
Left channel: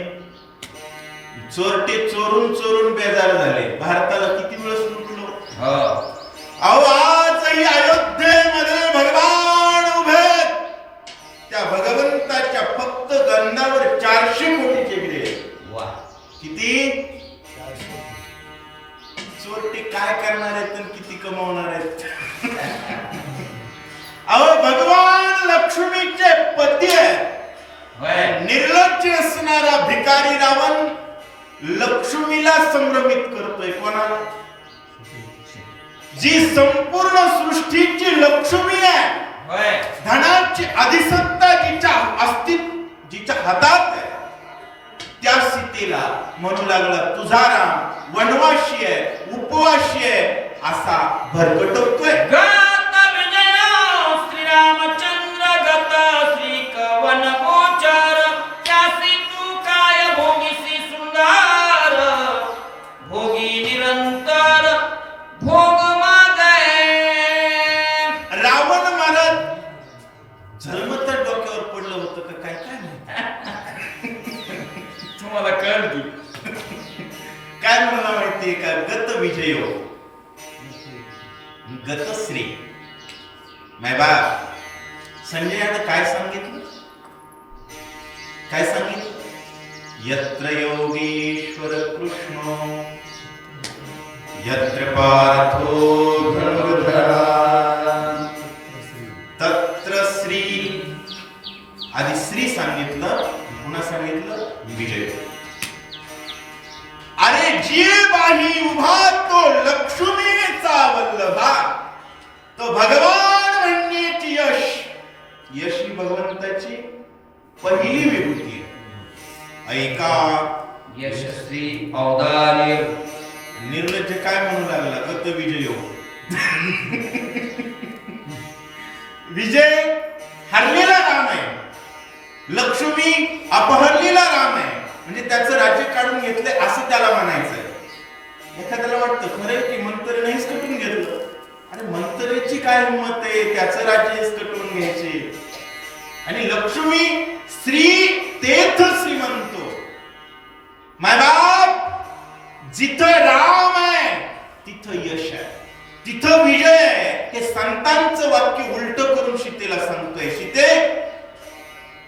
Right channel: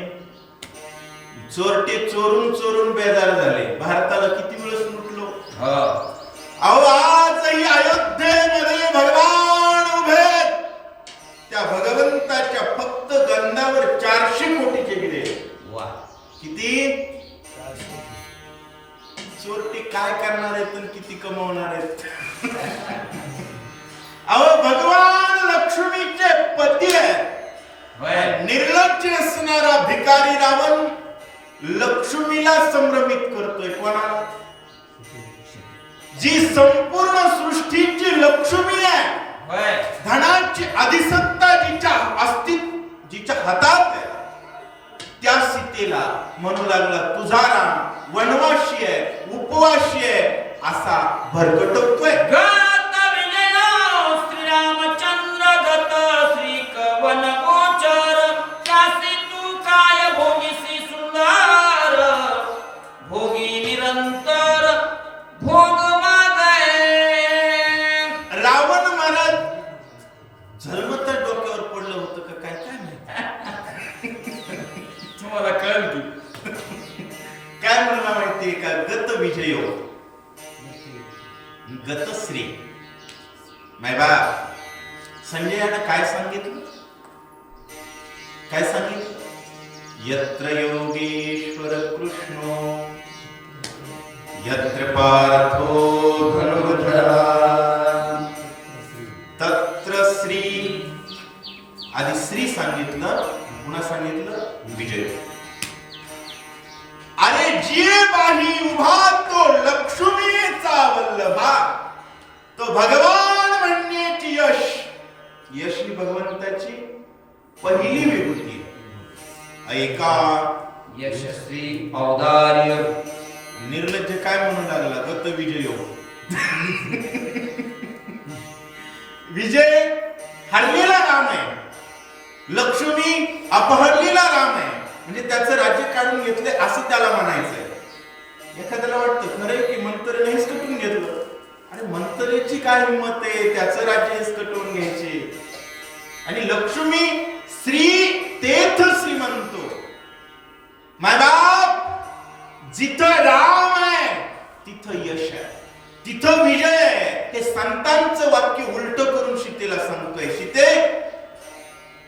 चोरटे चोरून चोरून बेजार झाले. भारताला किती वेळेस लुटलो. अहो, आजही अयोध्येमध्ये भगवान उभे, त्या भगवंताच्या फक्त गंधावर 400 कोटीचे दिले. किती? चोरटे काय करणार आहेत आणि किती कमवणार आहेत? अहो, भगवान लक्ष्मीचे पती आहे. निर्लज्ज असणारा भिकारी रावण लक्ष्मीला संभ्रमित करतोय. कोणाला? जी संपूर्ण सृष्टीची लक्ष्मी आहे, धनाची अधिसत्ता जिच्या हातात आहे, त्या सीतेला म्हणू लागला तुझा राम वनवासी आहे, उपवासी आहे, असा भरकटतोय. श्रीरामचंद्र गत श्री कवन गोचर त्यासी तू काय भोगीसी सुंदर भोगी निरंतर भोग मागे. रावण महाराज जन्मत डोक्यावर पडलं होतं का काय काय माहिती. तुम्हाला कळलं काय म्हणला माहितीये का? गत विजयो गतश्री. माय बाप, संजयाने काय सांगितलं? काय सांगितलं? यत्र योगेश्वर कृष्णो यत्र पार्थो धनुर्धरा तत्र श्री. आधी श्री सांगितलं, पुन्हा सांगितलं विजय. अरे जे बाही उभा तो लक्ष्मीचा वल्लभा, तो भगवान म्हणण्याची यश. यश ही भगवंताची पहिली विभूती. ऐका, यशस्वी औदार्य. निर्लज्ज काय म्हणू लागला? गत विजयो. विजय हरलेला राम आहे, लक्ष्मी अपहरलेला राम आहे, म्हणजे त्याचं राज्य काढून घेतले असं त्याला म्हणायचं. एखाद्याला वाटतं खरं की मंत्र्याने हिसकटून घेतलं. अरे मंत्र्याची काय हिंमत आहे त्याचं राज्य हिसकटून घ्यायचे. आणि लक्ष्मी श्री तेथ श्रीमंतो. माय बाप, जिथं राम आहे तिथं यश आहे, तिथं विजय आहे. हे संतांचं वाक्य उलट करून सीतेला सांगतोय. सीते,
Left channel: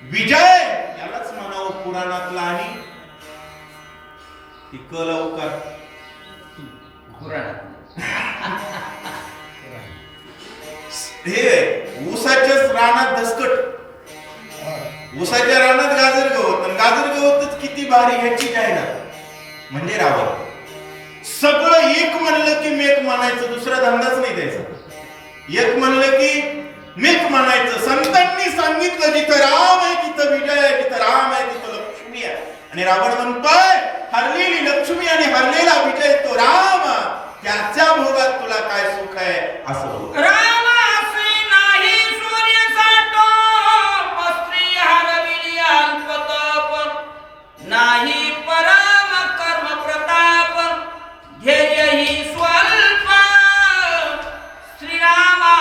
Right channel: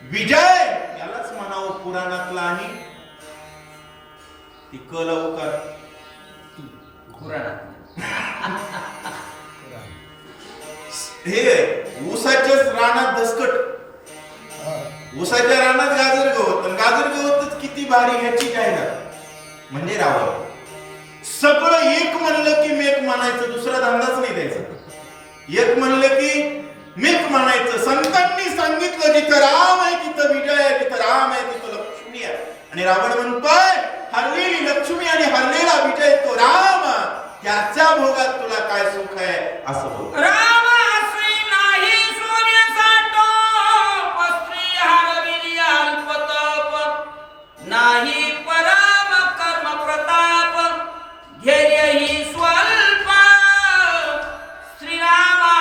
विजय यालाच म्हणावं पुराणातला. आणि ती क लावू का? हे ऊसाच्याच रानात दसकट, ऊसाच्या रानात गाजर गवत, आणि गाजर गवतच किती भारी ह्याची जाहिरात. म्हणजे रावण सगळं एक म्हणलं की मेक म्हणायचं, दुसरा धंदाच नाही द्यायचा. एक म्हणलं की मेक म्हणायचं. संतांनी सांगितलं जिथं राम आहे तिथं विजय आहे, जिथं राम आहे तिथं लक्ष्मी आहे. आणि रावण म्हणतोय हरलेली लक्ष्मी आणि हरलेला विजय तो राम, त्याच्या भोगात तुला काय सुख आहे असं बोल. राम असे नाही सूर्याचा स्त्री हरविली अल्पतप, नाही परम कर्म प्रताप, धैर्य ही स्वल्प श्रीरामा.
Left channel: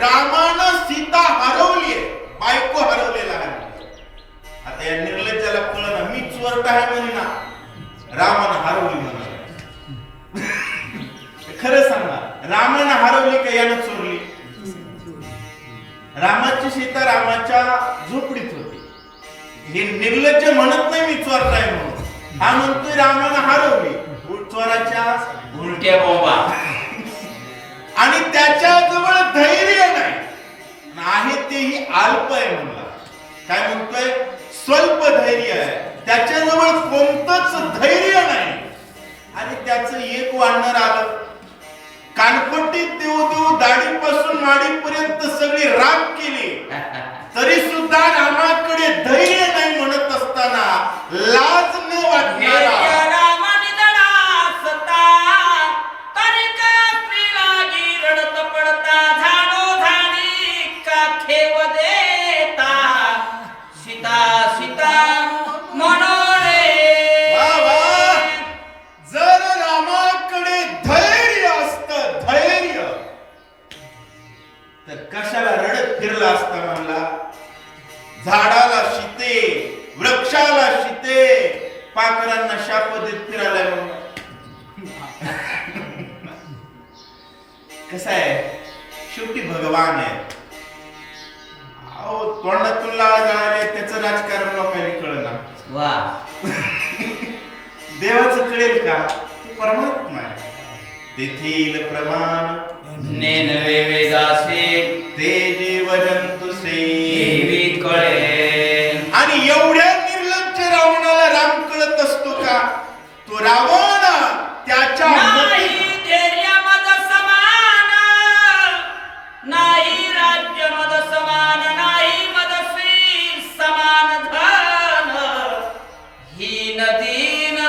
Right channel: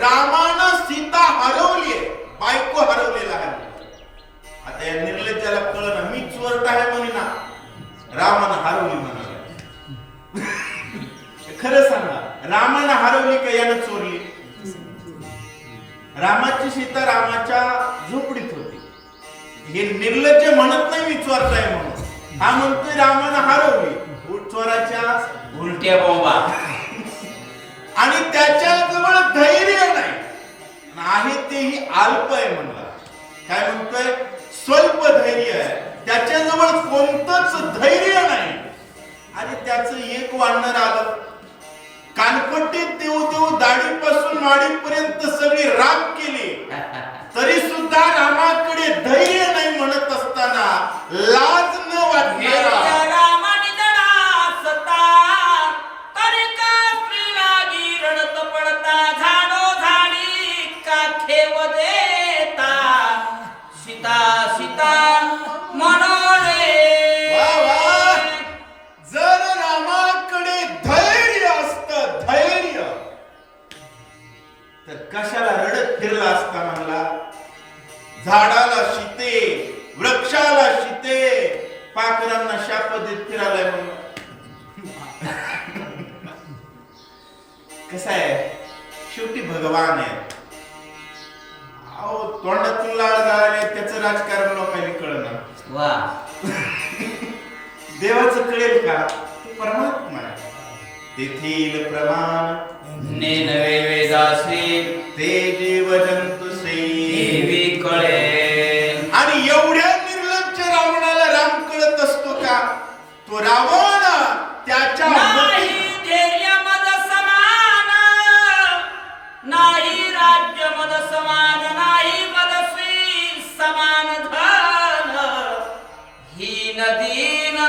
रामानं सीता हरवली आहे, बायको हरवलेला आहे. आता या निर्लज्जाला कळलं, मी चोरटा आहे म्हणे ना. रामानं हरवली का यानं चोरली? रामाची सीता रामाच्या झोपडीत होती. हे निर्लज्ज म्हणत नाही मी चोरताय म्हणून, हा म्हणतोय रामानं हरवली. चोराच्या उलट्या बोंबा. आणि त्याच्याजवळ धैर्य नाही, आहे तेही अल्प आहे म्हणला. काय म्हणतोय? स्वल्प धैर्य आहे. त्याच्याजवळ कोणतंच धैर्य नाही. आणि त्याचं एक वानर आलं, कानपट्टीत देऊ देऊ दाढीपासून माडीपर्यंत सगळी राख केली, तरी सुद्धा रामाकडे धैर्य नाही म्हणत असताना लाज न वाटणारा कशाला रडत फिरला असता म्हणला. झाडाला शिते, वृक्षाला शिते, पाखरांना शाप देत फिरायला म्हणला. कसं आहे, शेवटी भगवान आहे. अहो तोंडातून लाळ गाळले, त्याचं राजकारण लोकांनी कळणार. वा. देवाचं कळेल का? ते परमात्मा आहे. तेथील प्रमाण नेनवे वेदासे ते जीव जंतुसे देवी कळे. आणि एवढ्या निर्लज्ज रावणाला राम कळत असतो का? तो रावण त्याच्या नाही धैर्य मद समान, नाही राज्य मद समान, नाही मदस्वी समान धन, हीन दीन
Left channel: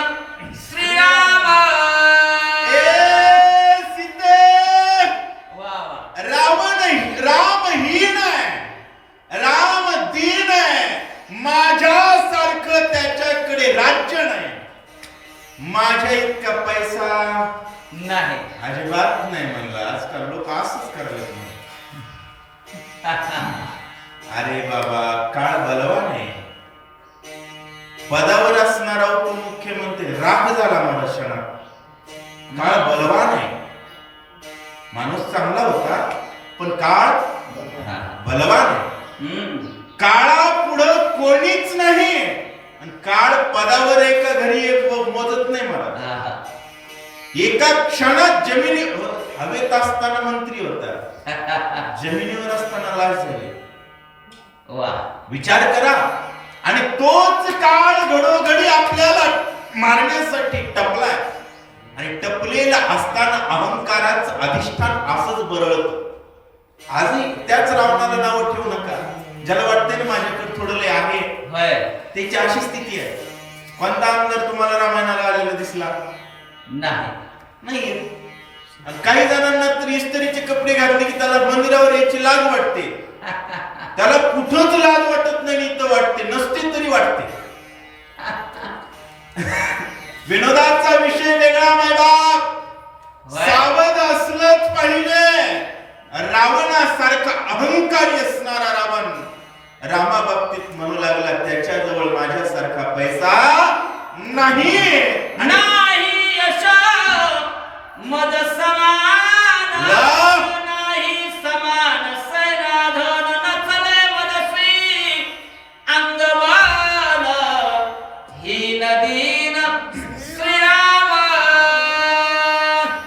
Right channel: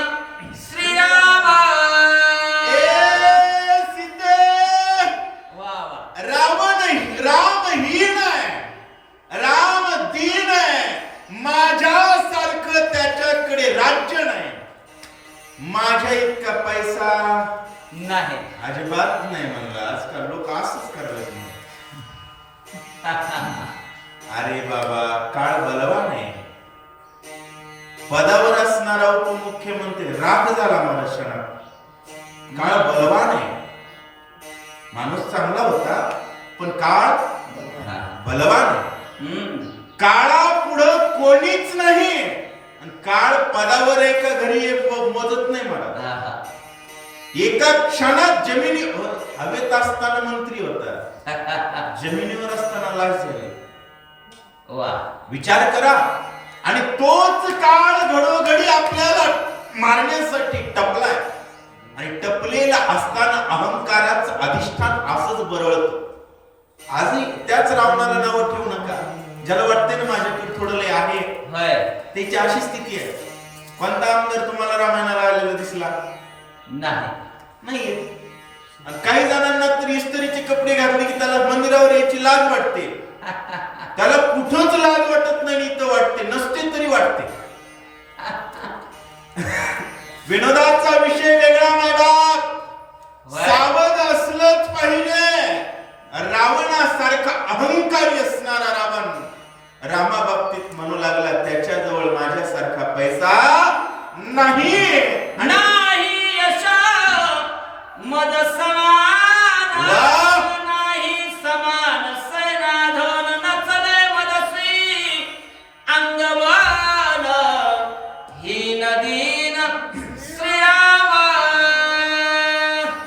श्रीराम. रामहीन आहे, राम दीन आहे. माझ्यासारखं त्याच्याकडे राज्य नाही, माझ्या इतका पैसा नाही, अजिबात नाही म्हणला. आजकाल लोक असंच करतात. अरे बाबा, काळ बलवान आहे. पदावर असणारा उपमुख्यमंत्री राख झाला माझ्या क्षणात. काळ बलवान आहे. माणूस चांगला होता, पण काळ बलवान आहे. काळा पुढं कोणीच नाही. आणि काळ पदावर आहे का घरी मोजत नाही मला. एका क्षणात जमिनी हवेत असताना मंत्री होता, जमिनीवर असताना लाश झाली. वा. विचार करा. आणि तोच काळ घडोघडी आपल्याला मारण्यासाठी टपलाय. आणि टपलेला असताना अहंकाराचं अधिष्ठान असंच बरळत. आजही त्याच रावणाला नाव ठेवू नका. ज्याला वाटतंय ना माझ्याकडे थोडं लय आहे, त्याची अशी स्थिती आहे. कोणता आमदार तुम्हाला रामायणाला आलेला दिसला नाही? आणि काही जणांना तर इस्त्रीचे कपडे घातले की त्याला मंदिरावर यायची लाज वाटते. त्याला कुठंच लाज वाटत नाही, इथं वाटते. नसते तरी वाटते. विनोदाचा विषय वेगळा माय बाप. सावध असलंच पाहिजे. रावणासारखा अहंकारी असणारा रावण रामा बाबतीत म्हणू लागला, त्याच्याजवळ माझ्यासारखा पैसा नाही, नाही यश मद समान, नाही समान सैनाधन नचले मदस्वी अंगवान, हीन दीन श्रीराम.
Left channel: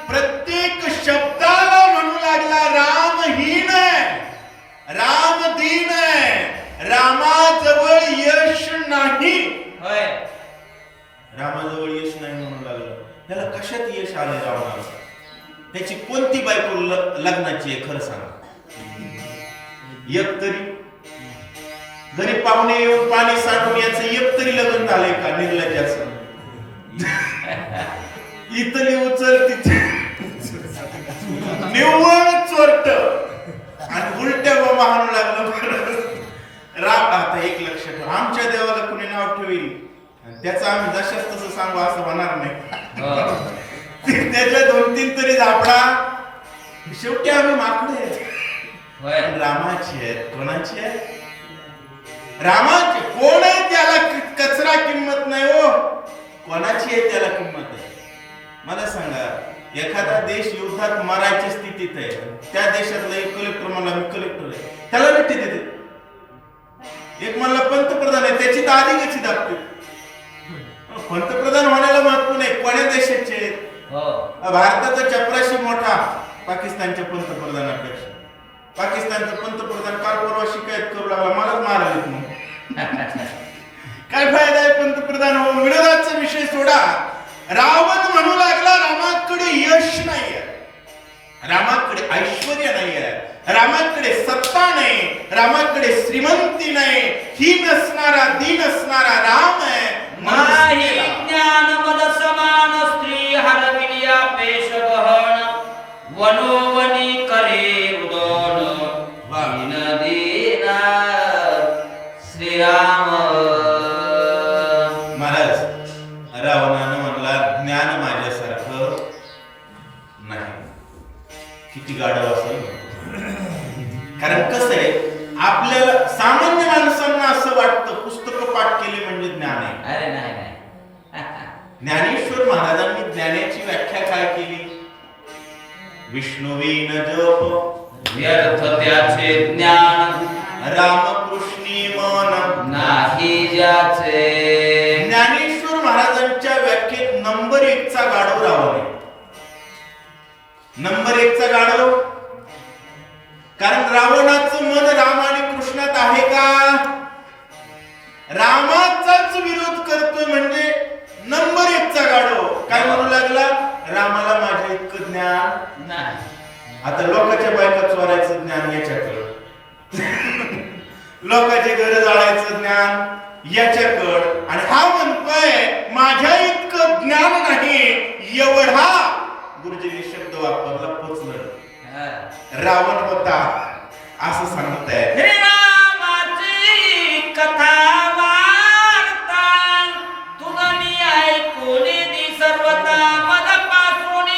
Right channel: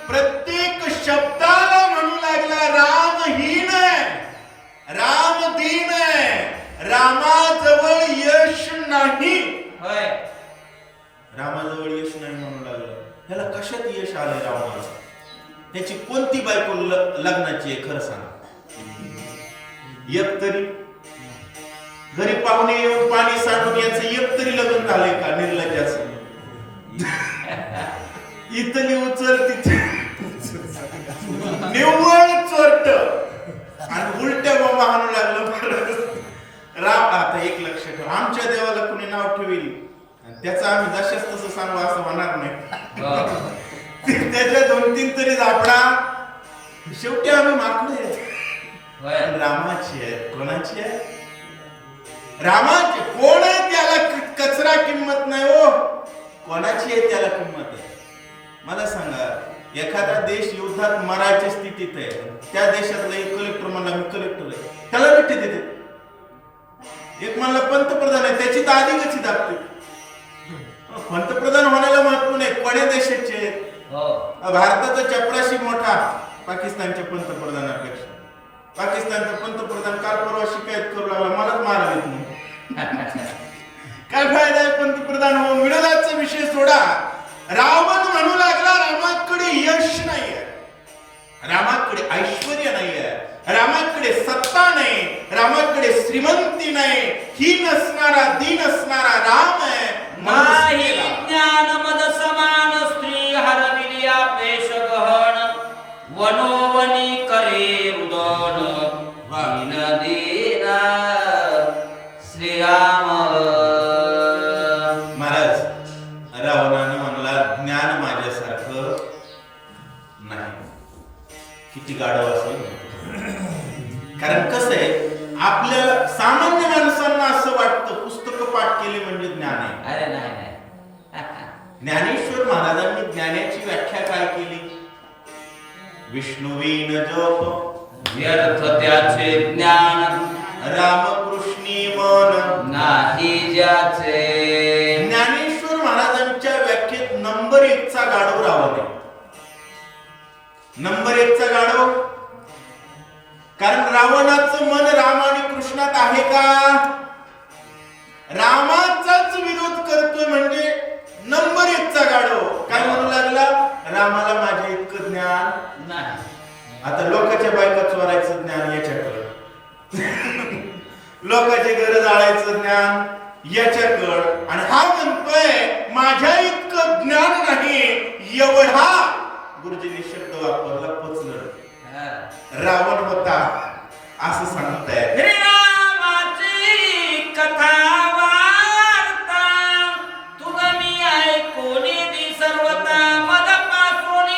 प्रत्येक शब्दाला म्हणू लागला रामहीन आहे, राम दीन आहे, रामाजवळ यश नाही. रामाजवळ यश नाही म्हणू लागला. त्याला कशात यश आले रावणाला? त्याची कोणती बायको लग्नाची आहे खरं सांग? एक तरी घरी पाहुणे येऊन पाणी सांडून याचं एक तरी लग्न झालंय का? निर्लज्जाचं. इथली उचल तिथे निव्वळ चोरट आणि उलट्या बाबा म्हणू लागलं. राम आता एक लक्ष ठेव, आमच्या देवाला कुणी नाव ठेवील त्याचं आम्ही जशाच तसं सांगू असं होणार नाही. त्याच्या 2-3 तरी झापडा. शेवटी आम्ही माकडे आहेत. रामाची आहेत. कोणाची आहे? रामाची. कोण आहे त्याला कचरा किंमत नाही हो. कोणाची आहे त्याला किंमत आहे? मला सांगा. एखादा देश युद्धात मरायच्या स्थितीत आहे, त्या देशातला एक कलेक्टर म्हणला मी कलेक्टर आहे, त्याला भेटी देते. एक म्हणला पंतप्रधान आहे, त्याची तर आधी कशी दाखते. पंतप्रधान होण्याला महत्व नाही, कोण्या देशाचे. भारताचा चपराशी मोठा पाकिस्तानच्या पंतप्रधानापेक्षा. पाकिस्तानचा पंतप्रधान काल परवा शिकायत करू लागला, मलाच मारायला म्हणून. काय फायदा आहे पंतप्रधान होऊन. विरोधाचा विषय सोडा. रावण म्हणू लागला रामाकडे यश नाहीये, रामाकडे ऐश्वर्य नाहीये, रामाकडे सत्ता नाही, रामाकडे श्रीमंती नाही, ही नसणारा दीन असणारा राम आहे. नाही ज्ञान मद समान स्त्री हरविल्या पेश गहन वनोवनी करे उदन वामिन देना श्रीराम. महाराज रावणानं म्हणला ज्ञान माझ्यासारखं नाही. किती गाढव असेल. कारण कसं आहे, आपल्याला सामान्य माणसांना असं वाटतं पुस्तकं पाठ केली म्हणजे ज्ञान आहे. अरे नाही नाही. ज्ञानेश्वर महाराजांनी ज्ञानाची व्याख्या काय केली. विष्णुवीन जप व्यर्थ त्याचे ज्ञान रामकृष्णी मन नाही ज्याचे. ज्ञानेश्वर महाराजांच्या व्याख्येत नंबर 1 चा गाढव रावण आहे. नंबर 1 चा गाढव. कारण रावणाचं मन राम आणि कृष्णात आहे का. रामाचाच विरोध करतोय म्हणजे नंबर 1 चा गाढव. काय म्हणू लागला, रामाला माझ्या इतकं ज्ञान नाही. आता लोकांच्या बायका चोरायचं ज्ञान याच्याकडं, लोकांची घर जाळायचं ज्ञान याच्याकडं, आणि हा म्हणतोय माझ्या इतकं ज्ञान नाही. एवढा गुरुजींनी शब्द वापरला, पचलं. रावण होता असं सांगताय. रामाची कथा वार्ता तुगनी ऐकून दी सर्वता मदपासून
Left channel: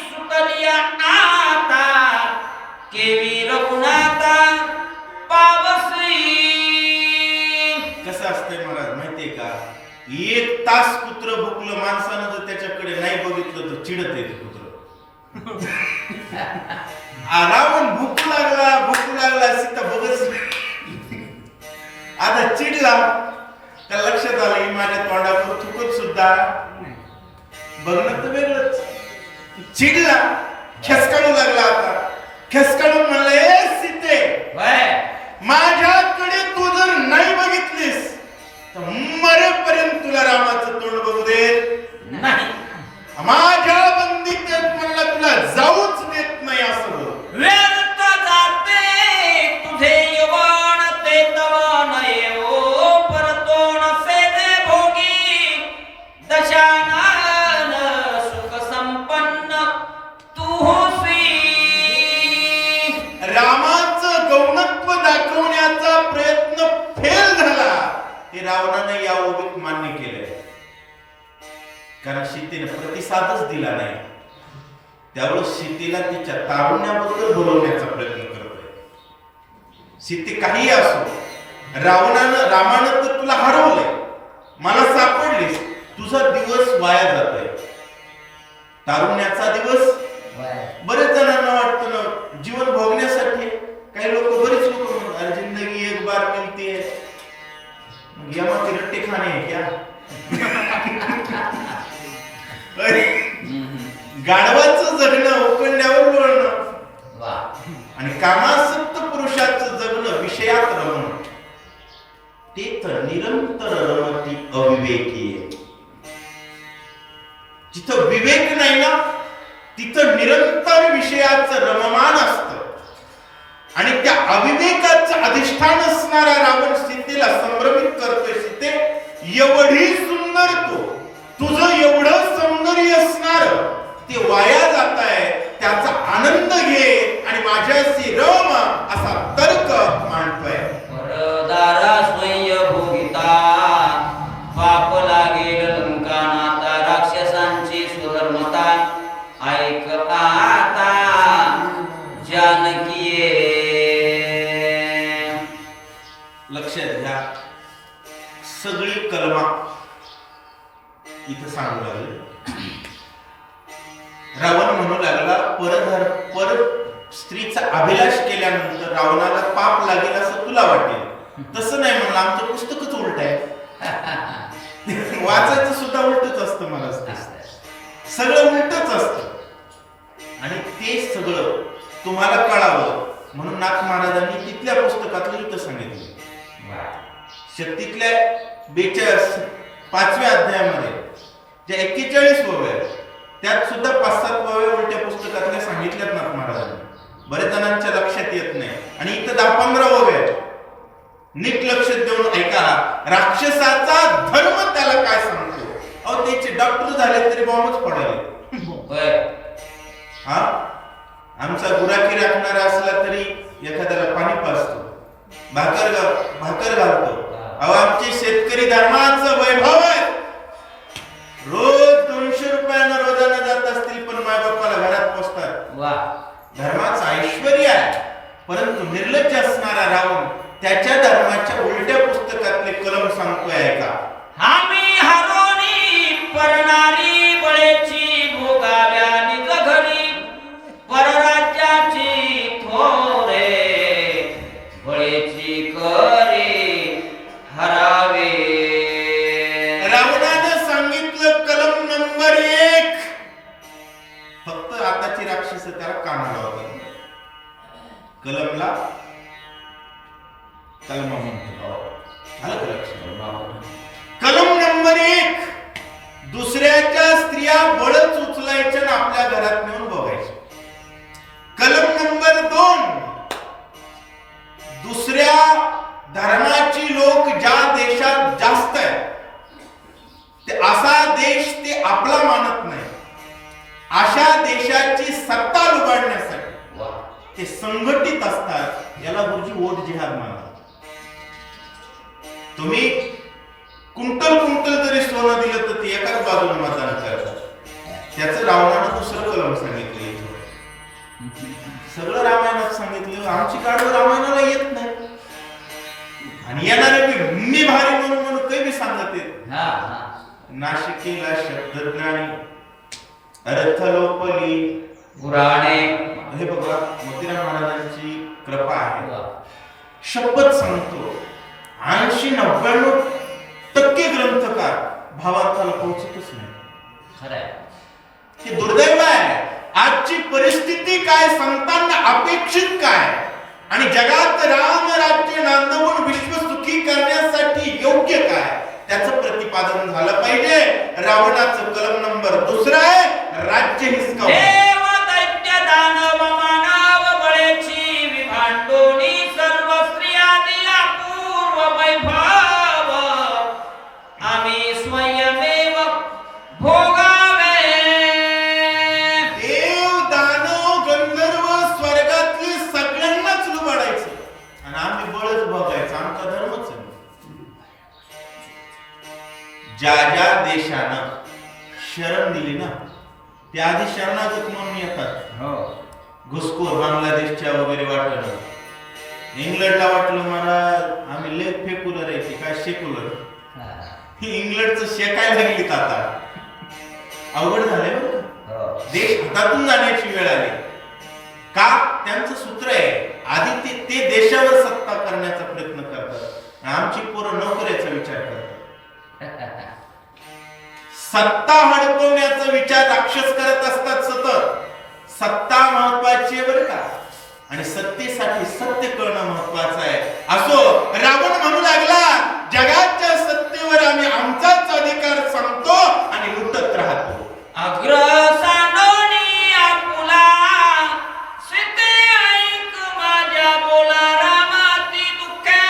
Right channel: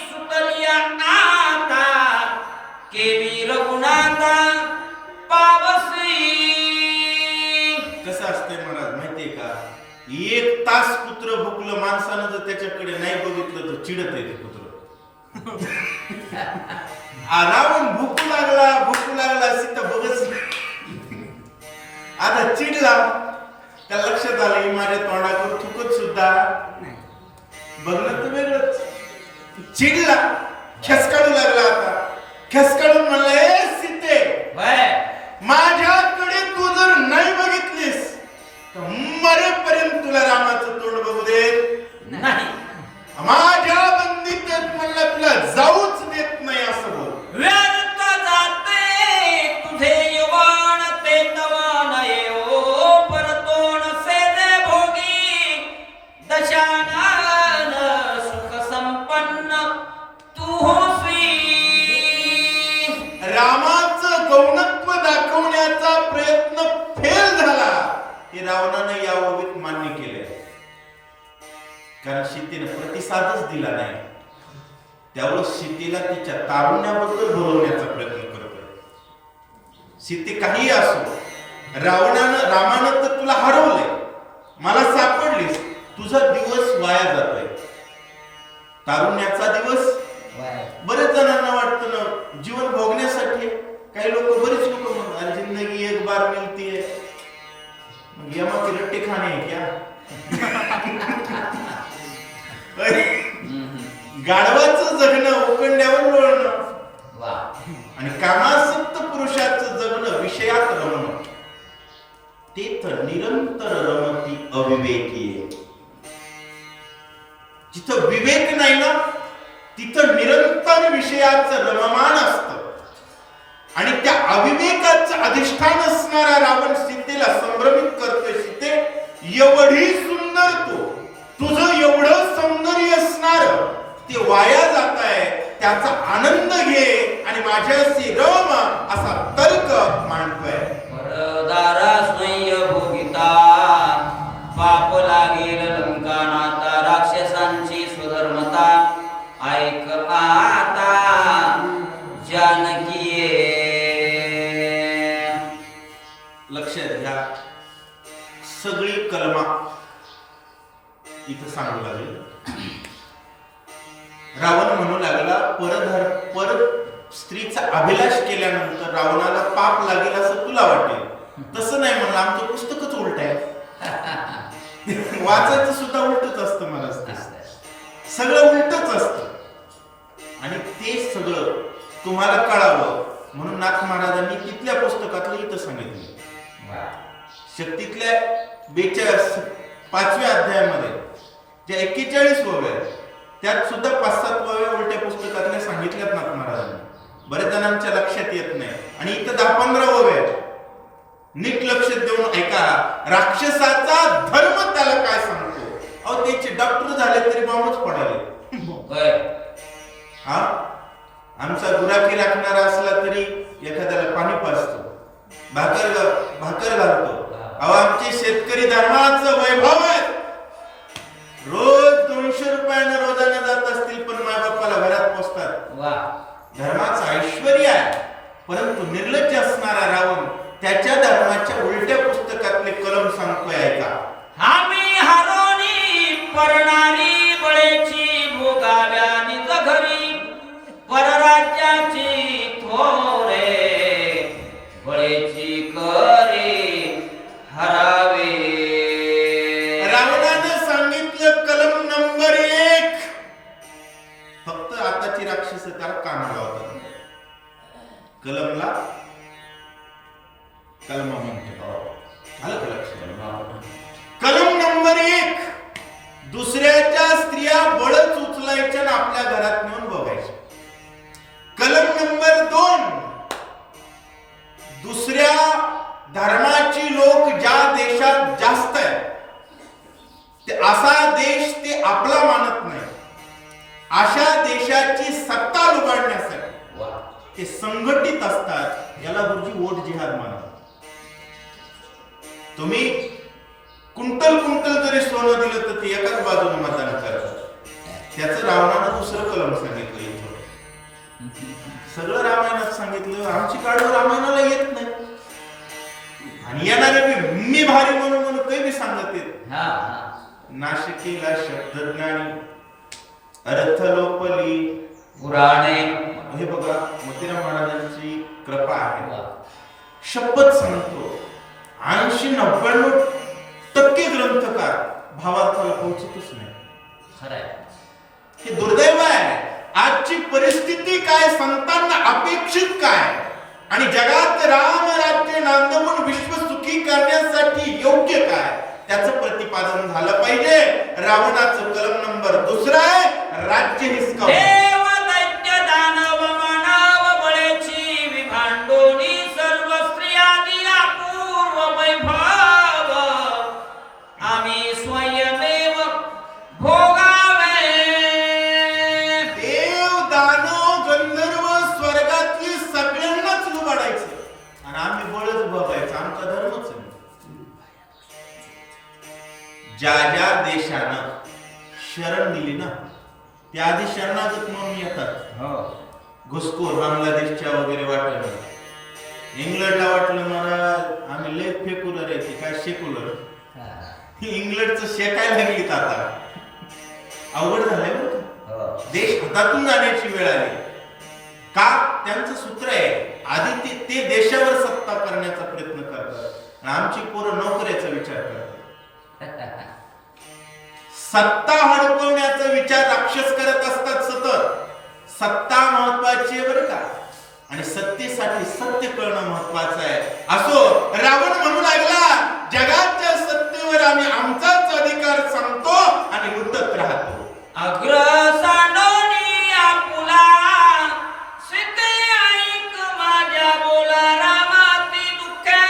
सुटलिया आता केवी रघुनाथा पावसी. कसं असतंय महाराज माहितीये का, 1 तास कुत्र भुकलं, माणसानं जर त्याच्याकडे नाही बघितलं तर चिडत येते कुत्र. रावण भुकू लागला सीता बघत. आता चिडला, त्या लक्षात आलं की माझ्या तोंडावर थुकत सुद्धा बघणं तर वेगळंच. चिडला, खेसकाळू लागला. आता खेसकाळून म्हणलं, ए सीते, माझ्याकडे तू जर नाही बघितलीस तर मरेपर्यंत तुला रामाचं तोंड बघू देत नाही. माझ्या बंदीत म्हणला तुला जाऊच देत नाही असं बोल. व्यर्थ जाते तुझे यवन ते तवन येओ परतोन सेजे भोगी दशानन सुख संपन्न तू होसी. रामाचं गौणत्व दाखवण्याचा प्रयत्न फेल झाला हे रावणाने या ओळीत मान्य केलंय. कारण सीतेने प्रतिसादच दिला नाही. त्यावेळेस सीतेला तिच्या तारुण्याबद्दल बोलवण्याचा प्रयत्न करतोय. सीते काही असो, रामानं तर तुला हरवलंय, मला सापडलीस, तुझा दिवस वाया जातोय. तारुण्याचा दिवस बरेच जणांना वाटतं ना जीवन भोगण्यासाठी. काही बरेच लोक म्हणतात अरे जिंदगी एक बार मिलती है, यमाचे रट्टे खाणे है क्या. गाढवाचं जगणं उकंड्यावर वळणं आणि कामासक्त पुरुषाचं जगणं विषयात रमणं, ते तर निरंतर रमती अविवेकी आहे. जिथं विवेक नाही ना तिथं निरंतर विषयाचं रममान असतं. आणि त्या अविवेकाचं अधिष्ठान असणारा रावण सीतेला संभ्रमित करतोय. सीते, एवढी सुंदर तुझं एवढं सौंदर्य असणार ते वाया जात आहे, त्याचा आनंद घे आणि माझ्याशी रम असा तर्क मांडतोय. दारा स्वयं भोगिता पाप लागेल लंकानाता राक्षसांची स्वधर्मता ऐक आता जानकीये. लक्षात घ्या, सगळी कलमा इथं सांगू लागले. रावण म्हणू लागला पर स्त्रीचा अभिलाष केल्यानंतर रावणाला पाप लागेल असं तुला वाटेल. तसं नाही म्हणलं, आमचं पुस्तकच उलट आहे. वाचायचं सुद्धा उलटच असतं. मला सगळं उलटच असतं. आणि ते सगळं तुम्हाला कळावं म्हणून नाथ महाराजांनी तिथल्या पुस्तकातलं इथं सांगितलं. शक्तीतल्या 5व्या अध्यायामध्ये ज्या 41 ओव्या त्यात सुद्धा 5-7 ओव्या उलट्या पुस्तकातल्या सांगितल्यात नाथ महाराजांनी. बरेच जणांच्या लक्षात येत नाही. आणि इथं 10-15 ओव्या नीट लक्ष देऊन ऐका. राक्षसाचा धर्म त्याला काय सांगतो. अहो त्याचे डॉक्टर झाले तरी बॉम्बच पडायले. हा आमचा गुराखी राखणारा असला तरी एखाद्याला पाणी पाजतो, भाकर घालतो. अहो आमचे शेतकरी धर्माचं वैभव आहे. रोज 200 रुपयानं रोजानं जात असतील पण मायबापाला घरात पोचतात. धर्माचं ऐश्वर्य आहे. परंतु निर्लज्ज असणारा रावण त्याच्या धर्माच्या उलट्या पुस्तकातले कलम सांगतोय ऐका. आम्ही हरोनी परणारी बळेची भोगाव्या निजघरी परराज्याची थोरे बळेची करे हरावे. रावणानं सांगितलं कलम नंबर 1. फक्त आताची राक्षस त्याला कानाला होतात. कलमला कलमा म्हणतात. आलं का लक्षात? कलम नंबर 1, दुसऱ्याच्या स्त्रिया बळच उचलायच्या आणि आपल्या घरात नेऊन बघायच्या. कलम नंबर 2, दुसऱ्या धर्माची लोक ज्या देशात जास्त आहेत ते असा देश ते आपला मानत नाही. अशा देशाची सत्ता लुबाडण्यासाठी ते संघटित असतात. याला गुरुजी वोट जिहाद मानतात. तुम्ही कुंटल जरी सोनं दिलं तर ते एकाच बाजूने मतदान करतात. त्याचं रावणानं दुसरं कलम सांगितलं. सगळं रामायणात सांगितलं. आमची काढ रामायणाला येत नाही. आणि येणारे मी भारी म्हणून काही बी सांगत येत. नाशिकीला शब्दज्ञानी अर्थ लोपली पुराणे. हे बघा मोतीराम महाराजांची कृपा आहे. शपथ सांगतो 80-99% ग्रंथकार भावार्थाला पोहोचतच नाही. हे दुर्दैव आहे. आजची परिस्थिती काय, संतांना अपेक्षित काय आणि जगात राम राज्य नांदवून विश्व सुखी करण्यासाठी योग्य काय त्याचं प्रतिपादन झालं पाहिजे. रावणाचं कलम नंबर 2 आहे राज्य हिसकावणे. ज्या ज्या देशानं शरण दिली ना ते आधी शरणागत म्हणून येतात. घुसखोर बांगलादेशच्या वगैरे वाटलं, इंग्लंडला वाटलं मला आम्ही लय फेक्युलर आहे ते काय सेक्युलर. इंग्लंडचं शेकायला लागलीत आता. अवघड झालंय बरं. देश हातातून जाण्याची वेळ आली. का? त्यांचं सूत्र आहे आधी ते देशावर सत्ता करण्याचा प्रयत्न करतात. आमची पोरं नोकऱ्याचा विचार करतात. सत्ता हडपवण्याचा विचार राक्षस करत असतात सतत. सत्ता महत्वाची आहे बरं का. आणि सत्तेसाठी सत्य कळणं महत्वाचं आहे. असो रावण म्हणू लागला जगाच्या सत्तेवर आम्ही आमचाच अधिकार सांगतो आणि लुटत राहतो. अग्रसानोनी आपुला सीते ऐक माझ्या बोला रामाती दुःखे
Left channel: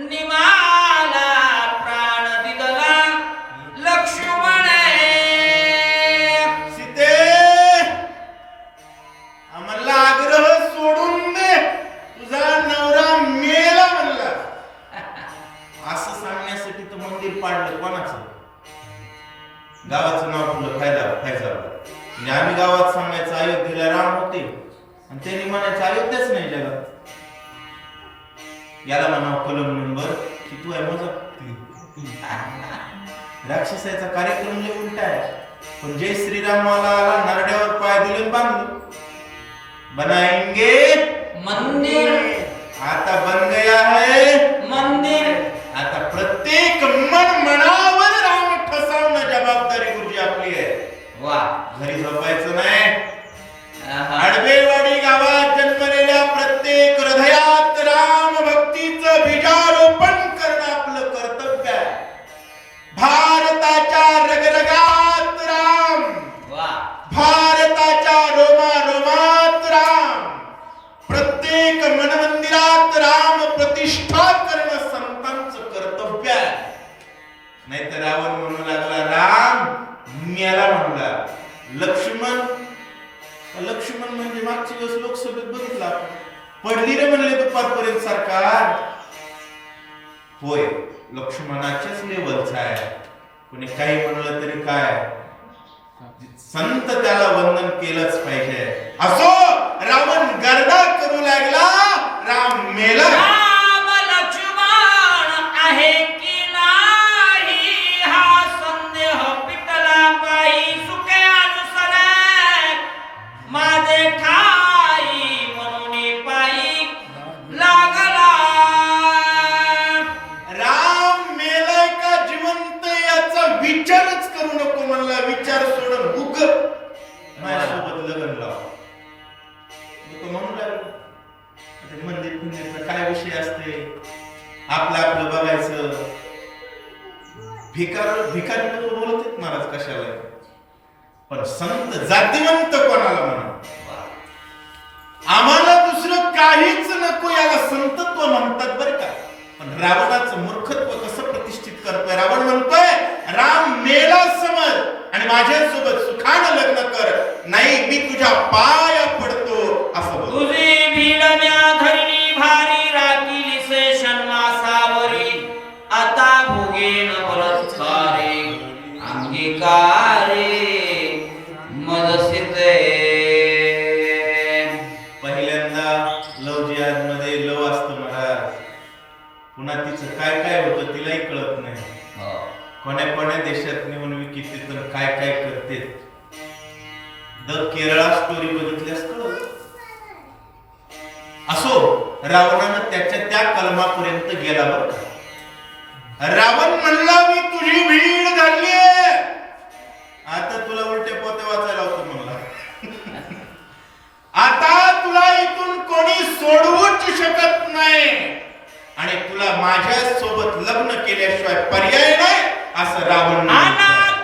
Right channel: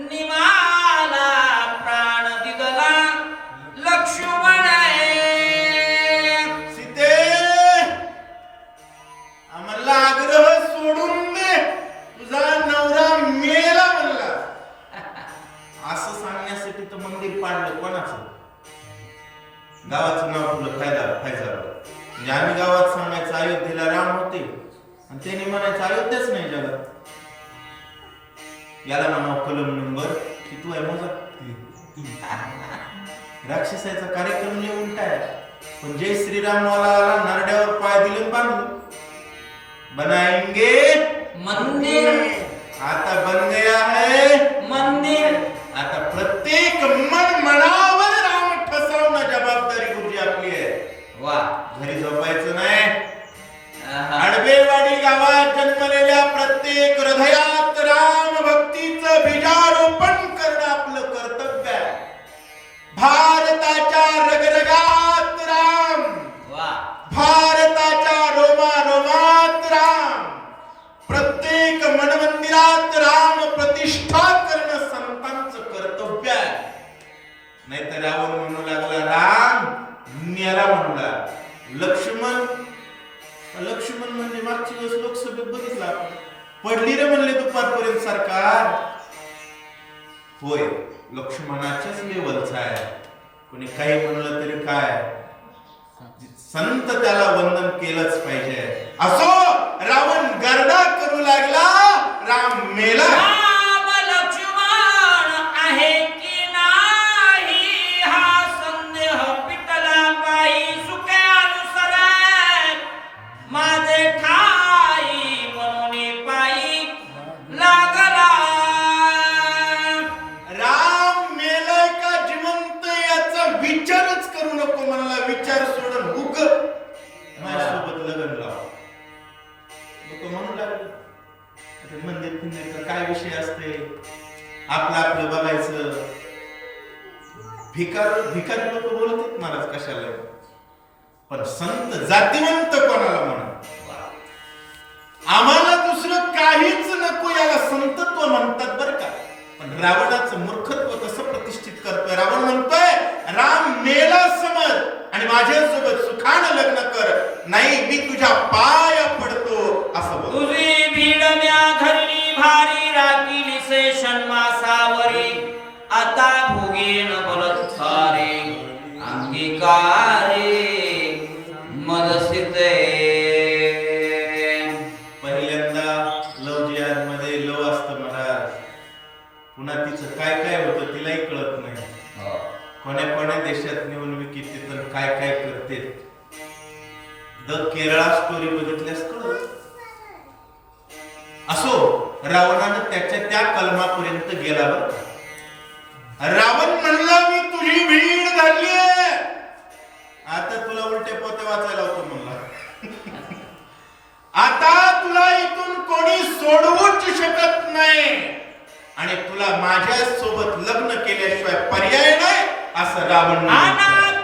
निमाला प्राण दिदला लक्ष्मणे. सीते आम्हाला आग्रह सोडून दे, तुझा नवरा मेला म्हणला. असं सांगण्यासाठी तर मंदिर पाडलं कोणाचं? गावाचं नाव ठेवलं फैजाबाद. म्हणजे आम्ही गावात सांगायचं अयोध्येला राम होते आणि त्यांनी म्हणायचं अयोध्याच नाही जगात. याला म्हणावं कलम नंबर की तू आहे मजा. राक्षसाचा कार्यक्रम जे उलटा आहे. पण जय श्रीरामाला नरड्यावर पाय दिले बांधले. बनाएंगे मंदिर. आता बन गया है मंदिर. आता प्रत्येक मनावर राम ठसवणं जबाबदारी गुरुजी आपली आहे. वा. घरी झोपायचं नाही. आडवेवाडी गावात जन्मलेल्या प्रत्येक हृदयात राम भक्तीचं बीजारोपण करणं आपलं कर्तव्य आहे. भारताच्या रगरगात राम. वा. भारताच्या रोमारोमात राम. प्रत्येक मनमंदिरात राम प्रतिष्ठा करणं संतांचं कर्तव्य आहे. नाहीतर रावण म्हणू लागला राम मेला म्हणला. लक्ष्मण म्हणजे मागच्या वेळेस लोकसभेत बघितलं आपण. पडली रे म्हणले दुपारपर्यंत सरकार. होय लक्ष्मणाच्याच लेवलचा आहे. कोणी काही म्हणलं तरी काय संत त्याला वंदन केलंच पाहिजे. असो रावण गर्दा करू लागला. राम मेला. राम लक्ष्मण आहे की नाही हा संदेह पिटला काही सुखे अनुसरे माझे ठाई म्हणून पायी लागला. राम मेलाय का जिवंत याचा विचारच करू नको म्हणला. विचार सोडून हुक माझ्यासोबत लग्न लाव. लोक म्हणू लागले मंदिर फिंदिरचा काय विषय असते. आपलं आपलं बघायचं. भिकारी लोक बोलत आहेत महाराज कशाला. पण संत जातिवंत कोणाला म्हणा. आम्हाला दुसरं काहीच नको याला संतत्व म्हणतात बरं का. पण रावणाचं मूर्खत्व कसं प्रतिष्ठित करतोय. रावण म्हणतोय राम मेला समज आणि माझ्यासोबत सुखानं लग्न कर. नाही मी तुझ्या पाया पडतो असं बोल. तुझी भिडण्या धरणी भारी राखीली शेषण मासावरी आता भोगेन बलात्कारे अंगीकारे मदसिते. पहिल्यांदा लव जिहाद मध्ये लव असतं महाराज. पुन्हा तिचं काय काय होतं तिलाही कळत नाही. कोण्या देशात नेऊन विकिते तर काय काय करते. द केरळा स्टोरी बघितल्यास कळत. असो रावणानं त्याच्या त्या कलमापर्यंत गेला बरं. रावण म्हणला मी तुझी भीड धरली. आता तुला उलटे पोते वाचायला होतो म्हणला. आता तुला इथून कोणी सोडवूच शकत नाही आणि तुला माझ्या सोबत लग्न केल्याशिवाय पर्याय नाही असं रावण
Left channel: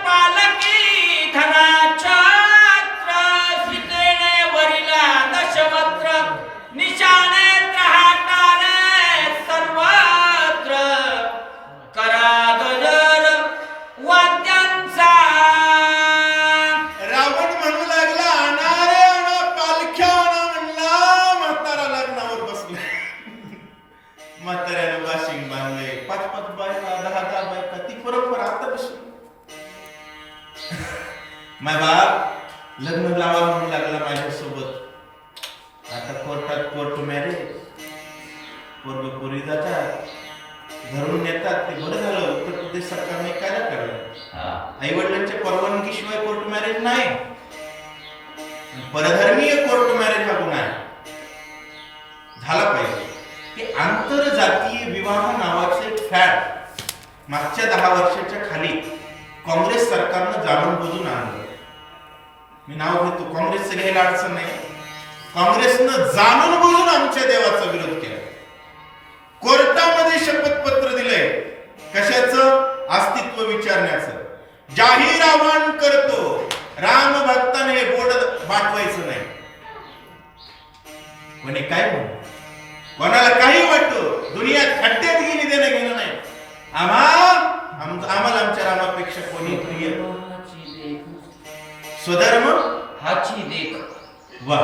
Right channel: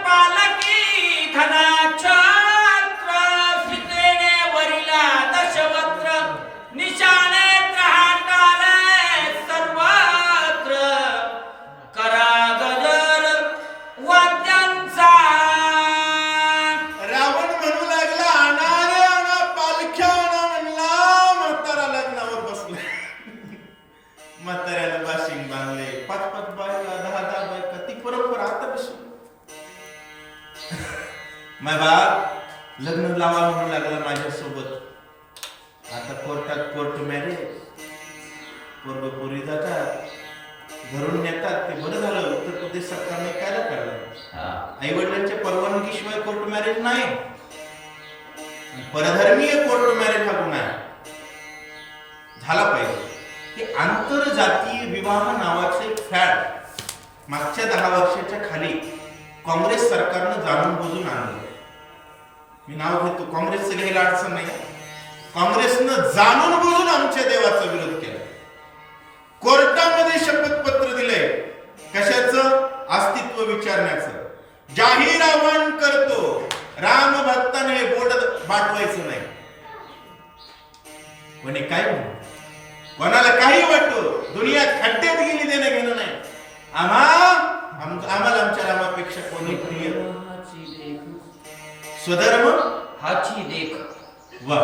पालकी धनाछत्र सीतेने वरिला दशवत्र निशाने हाताने सर्वत्र करा गजर वाद्यांचा. रावण म्हणू लागला आणा रे आणा पालख्या आणा म्हणला. म्हातारा लग्नावर बसला. म्हाताऱ्यानं बाशिंग बांधले. 5-5 बायका 10-10 बायका ती परंपरा आता बसून माय बाप लग्न लावा म्हणू लागला माझ्यासोबत. आता कोर्टात कोर्ट मॅरेज. पोरग पोरी जातात घरून नेतात. ते बरं झालं उत्तर प्रदेश सरकारने कायदा काढला. आई वडिलांच्या परवानगीशिवाय कोर्ट मॅरेज नाही. परधर्मीय कोर्ट मॅरेज हा गुन्हा झाला पाहिजे. की आंतरजातीय विवाह नावाचं एक फॅड मागच्या 10 वर्षाच्या खाली काँग्रेस सरकारनं जाणून बुजून आणलं. मी नाव घेतो, काँग्रेसचं घ्यायला अडचण नाही. काँग्रेसनं जाणून बुजून आमच्या देवाचा विरोध केला. कोर्टामध्ये शपथपत्र दिलंय कशाचं? अस्तित्व विचारण्याचं. जाहीर आवाहन करतो राम भक्ताने बोर्ड पाठवायचं नाही. कोणी काय म्हणू, कोणाला काही वाटतो, दुनियात खड्ड्यात गेली देणं घेणं नाही. आम्हाला आमच्या रामापेक्षा कोणी प्रिय. स्वधर्म हाची देख. वा,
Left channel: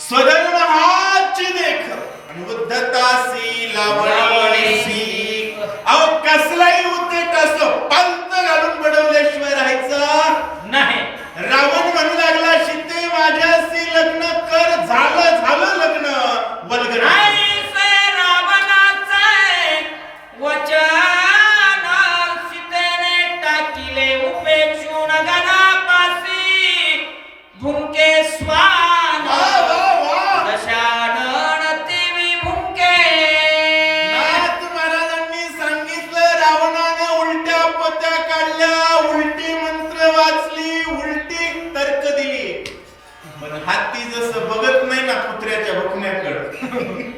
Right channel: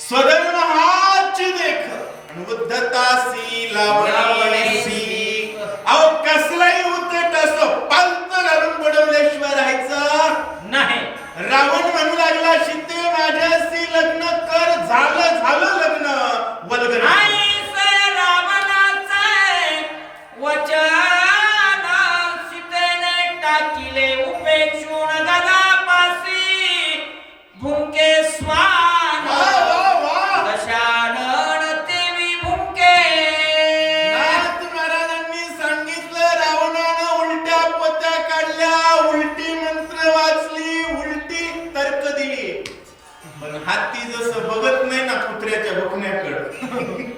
स्वधर्म हाची देख आणि उद्धतासी लावणीसी. अहो कसलाही उद्धट असो पंत घालून बडवल्याशिवाय राहायचं नाही. रावण म्हणू लागला सीते माझ्याशी लग्न कर. झालं लग्न. वल्गना रावणाचे वचन सीतेने टाकिले हाती जसं बघत नाही ना कुत्र्याच्या बघण्याकडे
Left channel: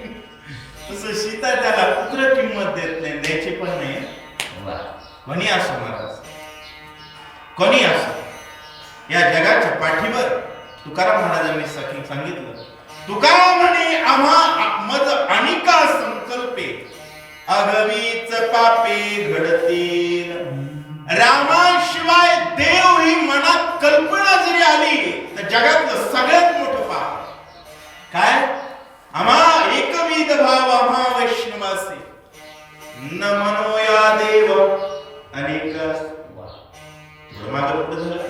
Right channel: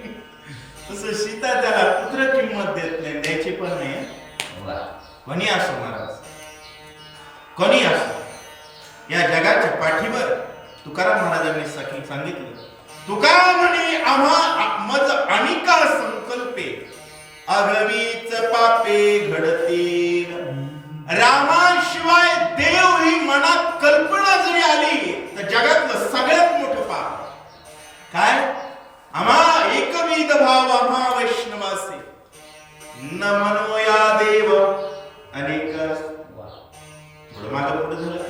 तसं सीता त्याला कुत्र किंमत देत नाही, द्यायची पण नाही. कोणी असो महाराज, कोणी असो, या जगाच्या पाठीवर तुकाराम महाराजांनी सांगितलं, तुका म्हणे आम्हा मज अनिका संकल्पे अगवीच पापे घडतील. रामाशिवाय देव ही मनात कल्पना जरी आली तर जगातलं सगळ्यात मोठं पाप. काय? आम्हा एकविध भाव आम्हा वैष्णवासे न म्हणो या देव अनेक. मागं पुढे झालं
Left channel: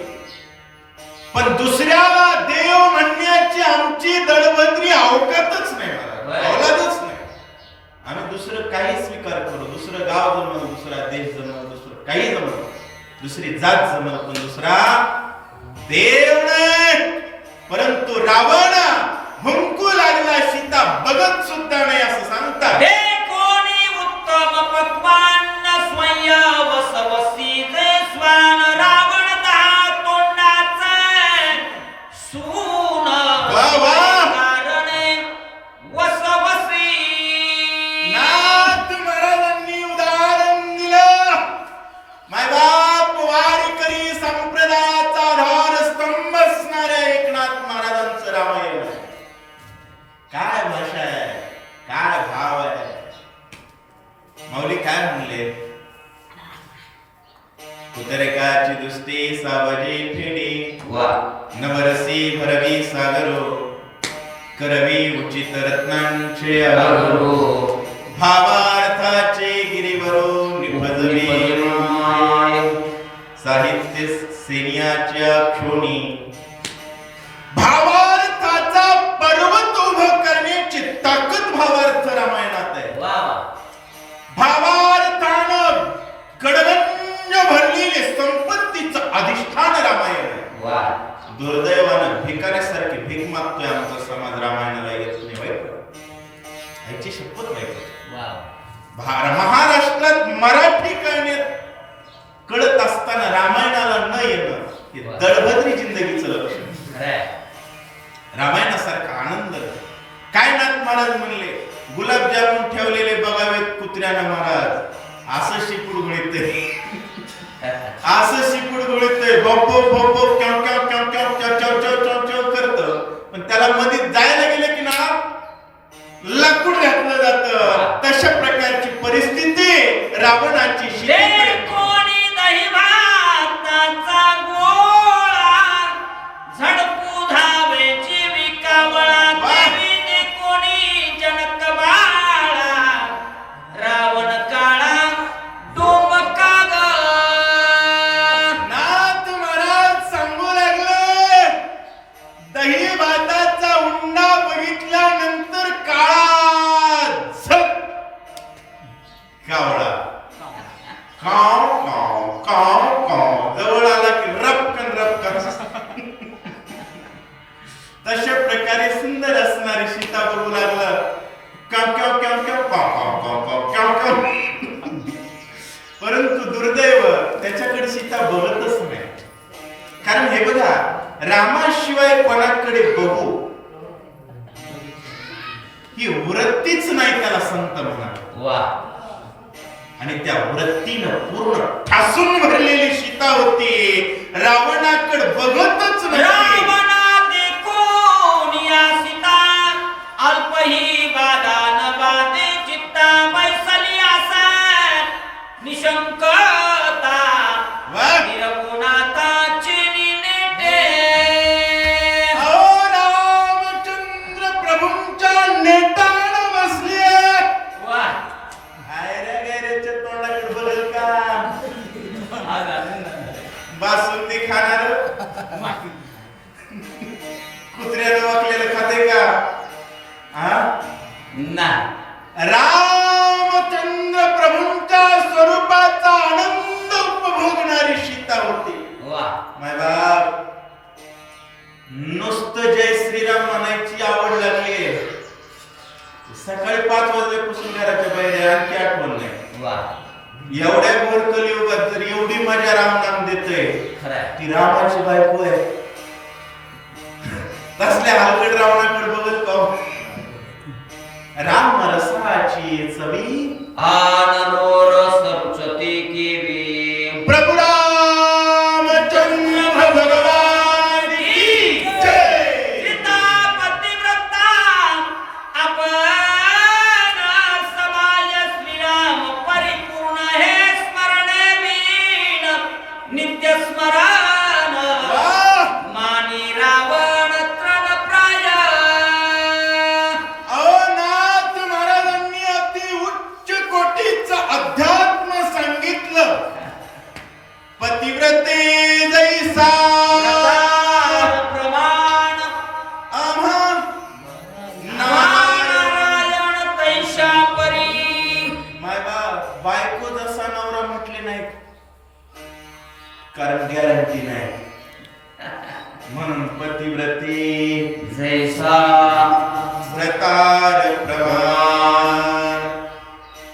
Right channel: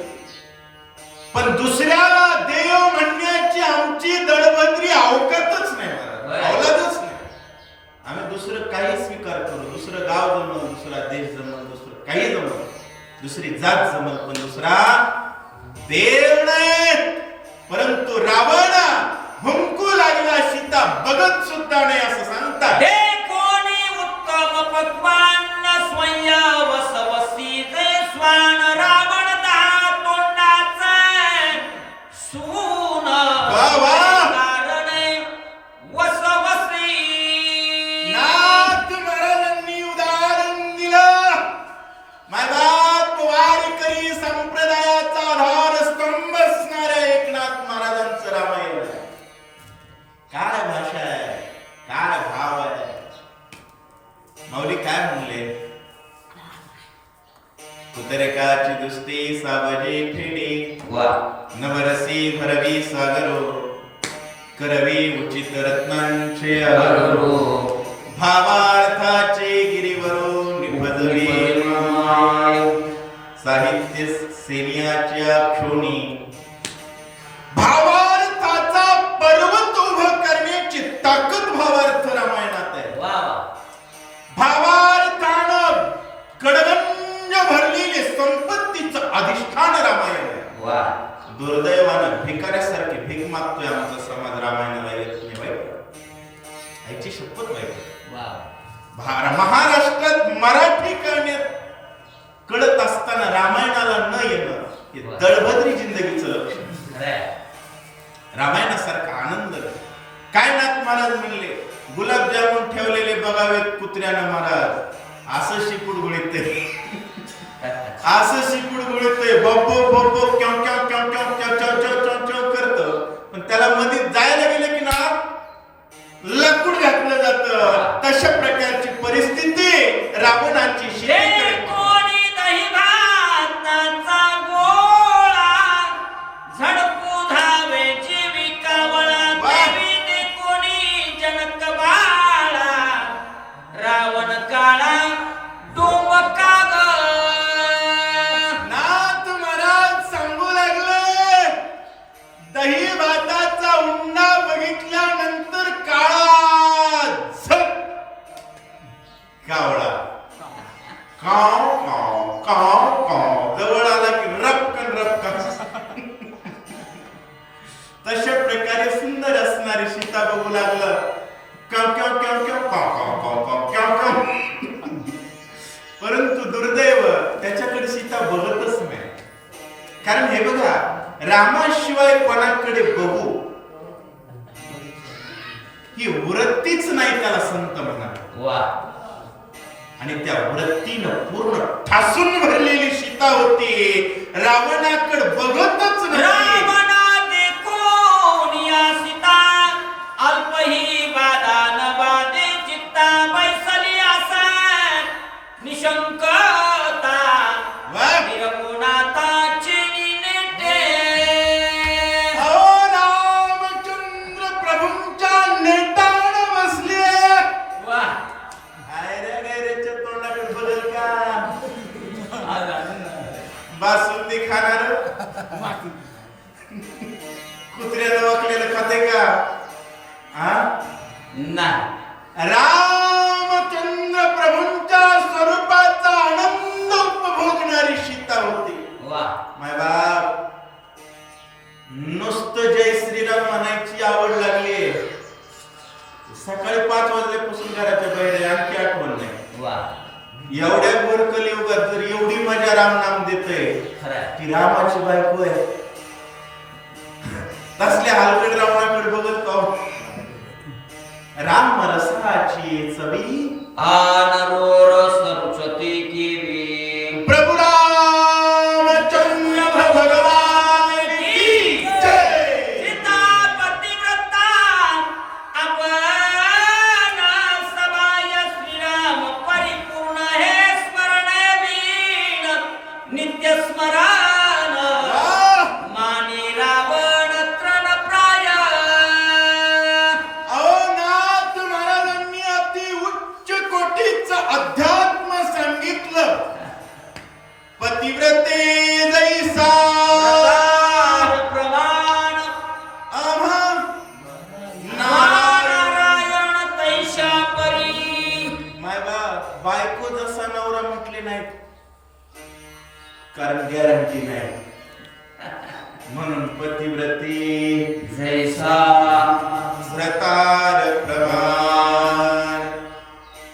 पण दुसऱ्याला देव म्हणण्याची आमची दळभद्री अवकातच नाही मला, अवलादच नाही. आम्ही दुसरं काही स्वीकार करू, दुसरं गाव जमल, दुसरा देश जमल, दुसरं काही जमल, दुसरी जात जमल, पण दुसरा देव नाही. परंतु रावण हुंकू लागला, सीता बघत सुद्धा नाही असं सांगतात. कोणी उत्तम पक्वान स्वयंवसवसीत स्वान रावण दहा तोंडाचा सून कारण वसवसी. नाथ महाराजांनी उदाहरण दिलं. मायबाप वारकरी संप्रदायाचा आधार स्तंभ असणाऱ्या एकनाथ महाराजांचं रामायण. काय भाषा आहे, काय भाव आहे. माऊली काय म्हणले? कुतरेकाची दुसते सावजे फेडे नवरसी भरवी सागरो करवी उचित रत्नांचे अगरो भावार्थाचे गिरीवरो निभजवे साहित्य सेनियाच्या क्षोणी. भावार्थाचा पर्वत उभं करण्याची ताकद भावार्थ रामायणात आहे. भावार्थानं गडगंज भरलेले संपत्तीचं अधिष्ठान रामायण आहे. दुर्दैवानं भिकाऱ्यासारखी भीक मागतोय आमचा समाज, रामायणाला येत नाही. वाईट, याची शपथ वाईट. महाराष्ट्रात मराठी करण्यात कळत असताना रामायणाला न येणं हे दळभद्री जिंदगीचं लक्षण. रामायणासारखा आनंद काय? नाथ महाराज म्हणले, गुलाबजामुन ठेवलेले बघावेत कुत्र्यानं महाराज, असं शिपूड गुळीत असं शिपूड गुळीत बप्पो बप्पो क्याव क्याव क्याव क्याव क्याव क्याव क्याव क्याव क्याव करतं, पण त्याला मध्ये जायला गेलं की ना लकुड घातलं जातं. तशा प्रकारची परिस्थिती रावणाची. कोणी दही भाताचा गोळा झडपू धावेची विकावळा देवी ते कोणी जनक बाळा रावण काळा डोमका ग. नाथ महाराज सांगू लागले, दही भाताचा उंडा बघितल्यानंतर काळा कावळा काव काव काव काव जवळ आला की रपकन रपकन. तशा प्रकारे सुंदर असणारी सीता बघू लागलं, काव काव काव काव काव काव काव काव काव. परंतु दुर्दैव त्याच्याकडे सीता बघतच नाही. कारण हे बघा, रामाशिवाय कोणाकडे बघू ही वृत्तीच नाही त्याला संत म्हणा. आणि त्या वृत्तीनं पूर्ण ठासून भरलेली सीता होती, रावणाकडे बघतच नाही. रावणा देखून या सीता अल्पही बाधा न बाधे चित्ता बैसली असा निशंकता निरगुणाताची निनेटे. अहो रामचंद्र प्रभूंच्या नेटान बसली. गैरेच्या तोंडाकडे बघल का? बासुंदी खाणार कुत्र्यानं वाकलेलं खाते का? रामचंद्र प्रभूंच्या स्वरूपाचा आनंद उपभोगणारी सीता होती. माय बाप, नुसतं जय श्रीराम म्हणायची आवड लागली. सकाळी 5 वाजल्यापासून घराच्या बाहेर आणखी आठवण नाही. एवढ्या घोर कलियुगात जर एवढी मजा राम नाम देते, ती रामाची बायको आहे. तसल्या हलकट रावणाकडे बघत का हो? राम रसाची चवी आनरोरस रुचते केवी प्रभु रामचंद्र भगवान की जय. सीता पतिव्रता आपण समाज श्रीराम परिपूर्ण हे स्मरणे वीण नित्य स्मरण वाह! मानी रावण तृणप्राय अनाथ महाराजांनी अति उच्च कोटीचं अध्यात्म सांगितलं. पतिव्रते जैसा प्रमाण आम्हा नारायण. नारायण तैशा परी मायबा बायको जसा नवरा म्हटले नाही, कारण गॅरंटी नाही. म्हणून पतिव्रते जैसा प्रकार प्रमाण.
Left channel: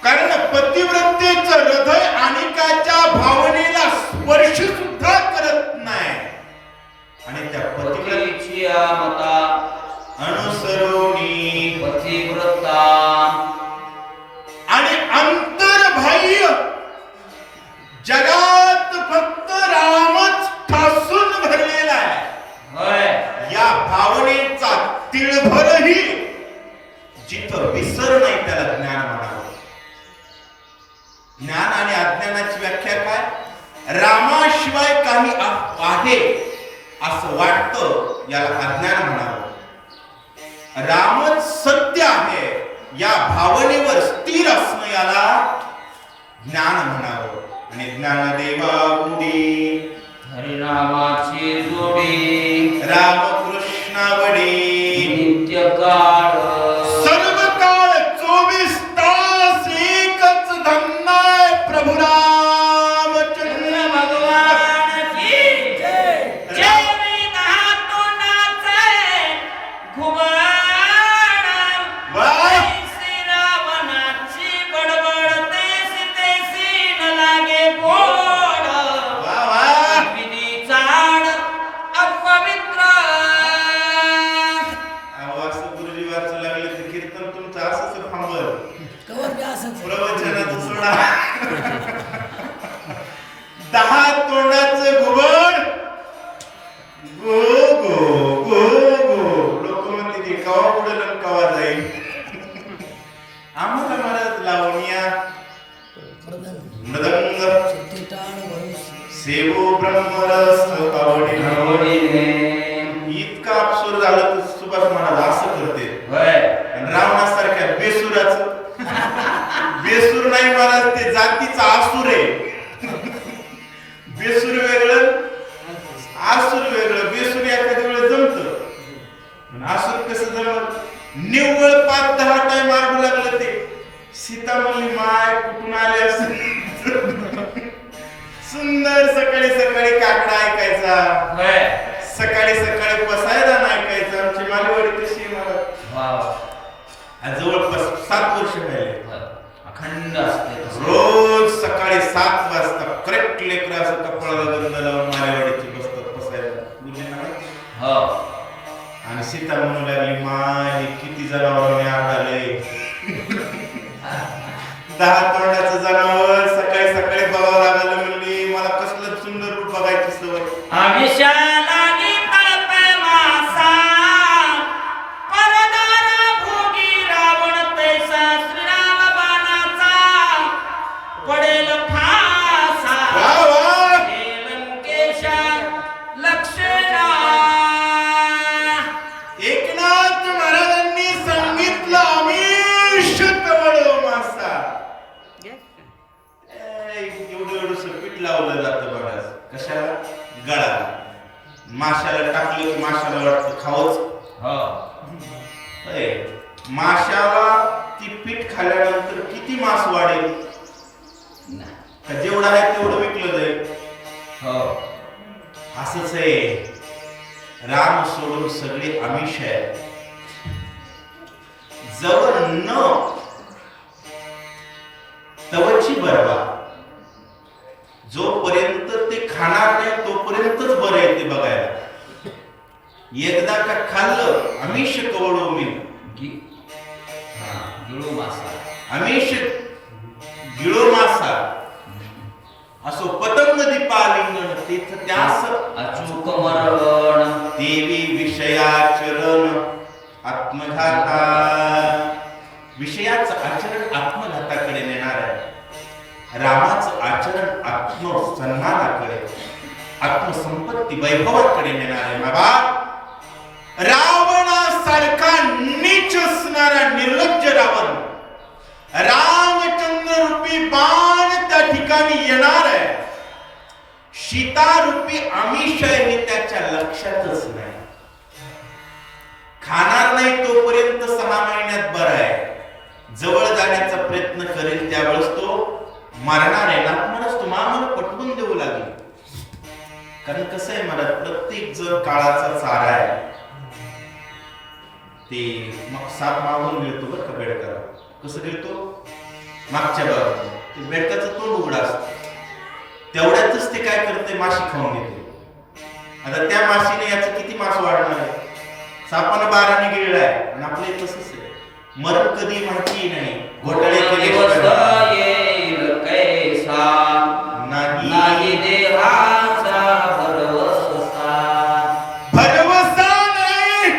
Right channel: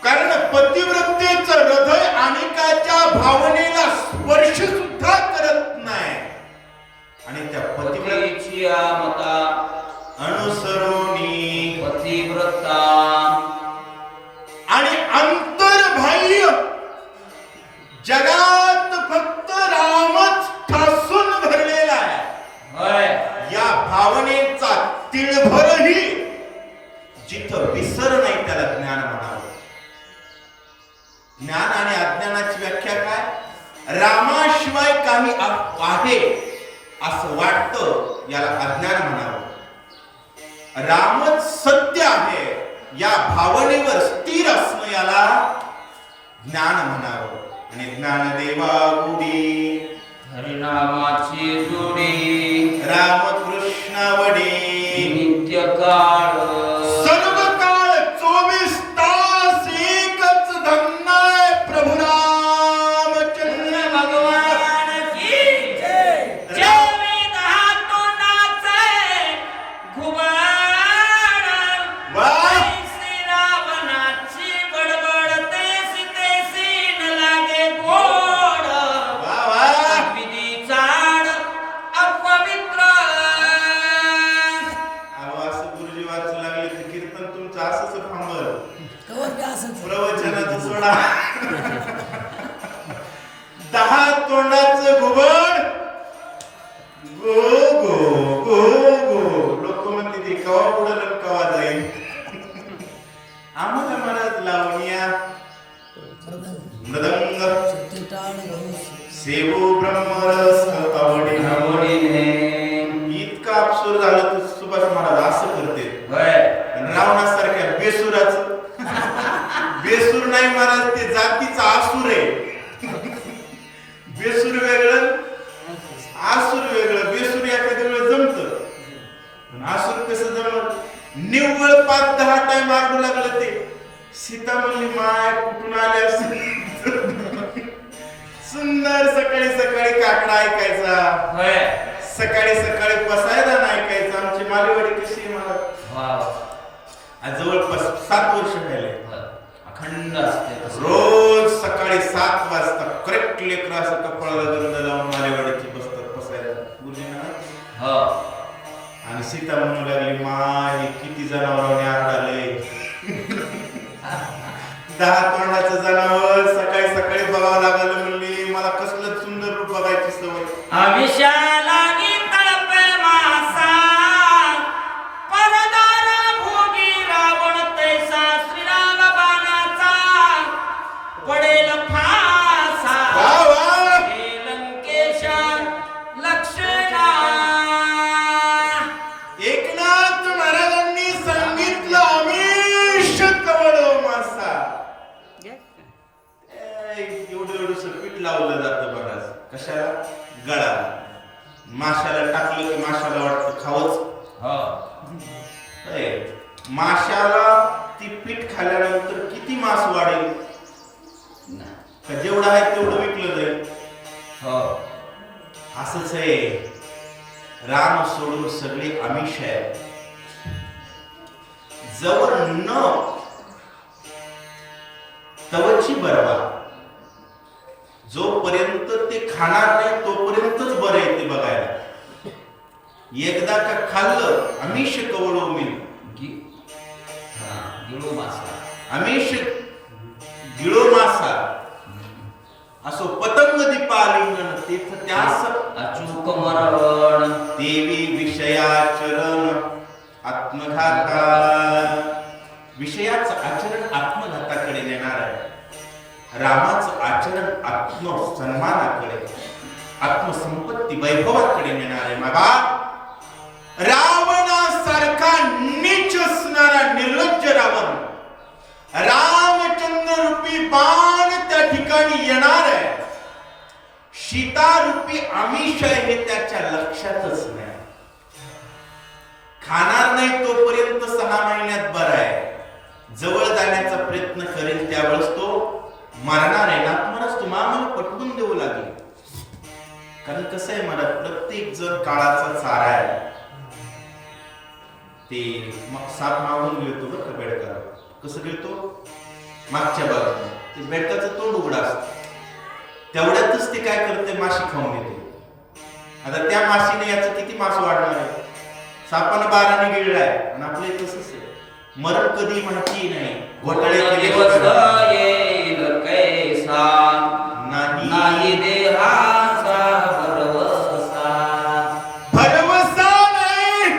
कारण पतिव्रतेचं हृदय अनेकाच्या भावनेला स्पर्श सुद्धा करत नाही. आणि त्या पतिव्रतेची पतीची मता अनुसरोनी पतिव्रता आणि अंतर्बाह्य जगात फक्त रामच ठासून भरलेला आहे. होय या भावनेचा तिळभरही जिथं विसर नाही त्याला ज्ञान म्हणावं. ज्ञान आणि अज्ञानाची व्याख्या काय? रामाशिवाय काही आहे असं वाटतं याला अज्ञान म्हणावं. रामच सत्य आहे या भावनेवर स्थिर असणं याला ज्ञान म्हणावं. आणि ज्ञानदेवा गुडी हरिनामाची जोडी रामकृष्णावडी नित्य काळ सर्व काळ 24 तास एकच धन्य प्रभु रामचंद्र भगवान की जय. जय विधा तोंडाचे घुबड वाह! ऐसी रावणाची बडबड तेसी तेसी न लागे गोड वा वा. विधी चाड अपवित्र अहो, असं गुरुजी वाचू लागले तर कीर्तन तुमचं असंच थांबल. प्रवचनाचं सोडा. 10 तोंडाचं घुबड गो गो गो गो. लोक म्हणते ते कवा उडल आणि कवा जाईल. आम्हाला महाराज लावण्या मृदंग सेवो ब्रह्मरस आवडीने. आवडीने इतका अबसूर झालं तर सुभाष महाराज असं करते. होय आणि रावणासारख्या बेसुराचं बेसूर नाही महाराज, ते जातीचा आसूर आहे. बेसूर वेगळं आसूर वेगळं. बेसूर एखाद्या वेळेस जमत, पण आसूर कसं जमत? निव्वळ 5-10 टाइम आरडू लागलं ते. सीता म्हणली माय कुठून आले असेल. सुंदर सकाळी सकाळी काकडा ऐकायचा, होय सकाळी सकाळी पसायदान ऐकायचं. आमची मालवडी कशी आहे मला वाव आज जवळपास 7 वर्ष राहिले. अखंड असते तसं. रोज सकाळी 7 वाजता करेक्ट लेकरं असं कपाळाला गंध लावून मालेवाडीची बसतात पसायला गुरुजींना. हो आणि सीता म्हणू लागली माय हे किती जनावरांनी आढळले. 10 तोंडाचं जनावर सकाळी सकाळी बघावं लागलं. म्हणली मला कसलं सुंदर रूप बघायची सवय. अभिषालागी तळपे मासा परदार भोगी रावण तैसा श्रीराम बाणाचा पडेल फासा वा वा. हे लंकेशा लक्षणा एकनाथ महाराजांनी सांगितलं आमिष कवडो मासा. एवढं एवढंसं पीठ लावलं जातं महाराज. कशाला? गळा. माशाला टाकलं की माशाला वाटतं खावच. हो माशाला ती पीठ खाल्ल्यानंतर किती मांस वाढेल? का जेवढं आहे तेवढं विकलं जाईल. हो असंच आहे. राम सोडून सगळे आमिष आहेत. जवळ न तवची बरवा. जोपर्यंत ते खाणार नाही तोपर्यंतच बरं आहे ते बघायला. एकदा का खाल्लं आमिष कवळो मी, गिळू मासा, आमिष गिळो मासा असो पतंग दीपालिंगण तीर्थ त्यास अचूक मरवण, देवी विषयाचरण आत्मघाता. विषयाचं आचरण आत्मघाताकडे नेणार आहे. रामाचं आचरण आत्मसन्मानाकडे, आत्मसंपत्ती वैभवाकडे नेणार आहे. बाबा, रावणासारखा नीच असणारा निर्लज्ज रावण, रामचंद्र रूपी बाण त्या ठिकाणी येणार आहे. सीता रूपी आमिष आहे हे त्याच्या लक्षातच नाही. खाणार नाही तोपर्यंत 6 महिन्यात बरं आहे. जवळ जाण्याचा प्रयत्न करेल त्यावेळेस तो मरणार आहे. नातमरच तो मामाला पटवून देऊ लागेल. कारण कसं आहे, मला प्रत्येक जण काळाचा चारा आहे. ते मग साप मागून गिळतो बरं का बेडकाला. कसं गिळतो? मागच्या बाजूने. ते बेडकाचं तोंड उघडं असतं. तेवढ्यातच ते काय करते, माशी खाऊन घेते. आता त्या माशीने याचं किती मास वाढणार आहे? सापानं 12ने गिळलाय आणि आपलं तसंच आहे. मरण कधी माहिती नाही. घोटाळे केले नाही देहाचा भरवसा नाही.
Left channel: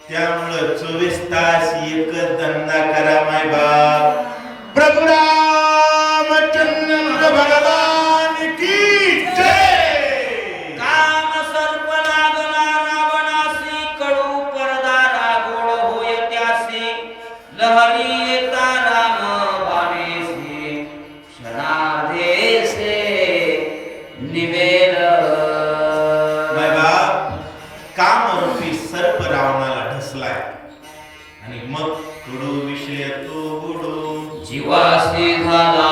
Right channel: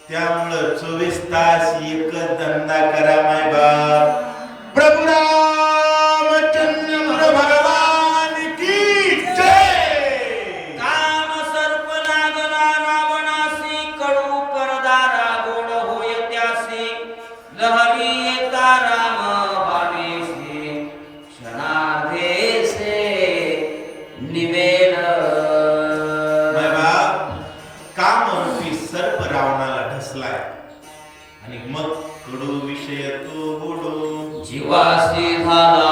त्यामुळं 24 तास एकच धंदा करा माय बाप. प्रभू रामचंद्र भगवान की जय. काम सर्प लागला रावणासी, कडू परदारा गोड होय त्यासी, लहरी येता राम बाणेसी, क्षणार्धेसे निवेल. माय बाप, कामरूपी सर्प रावणाला ढसलाय आणि मग कडू विषय तो बुडो जीवासी झाला.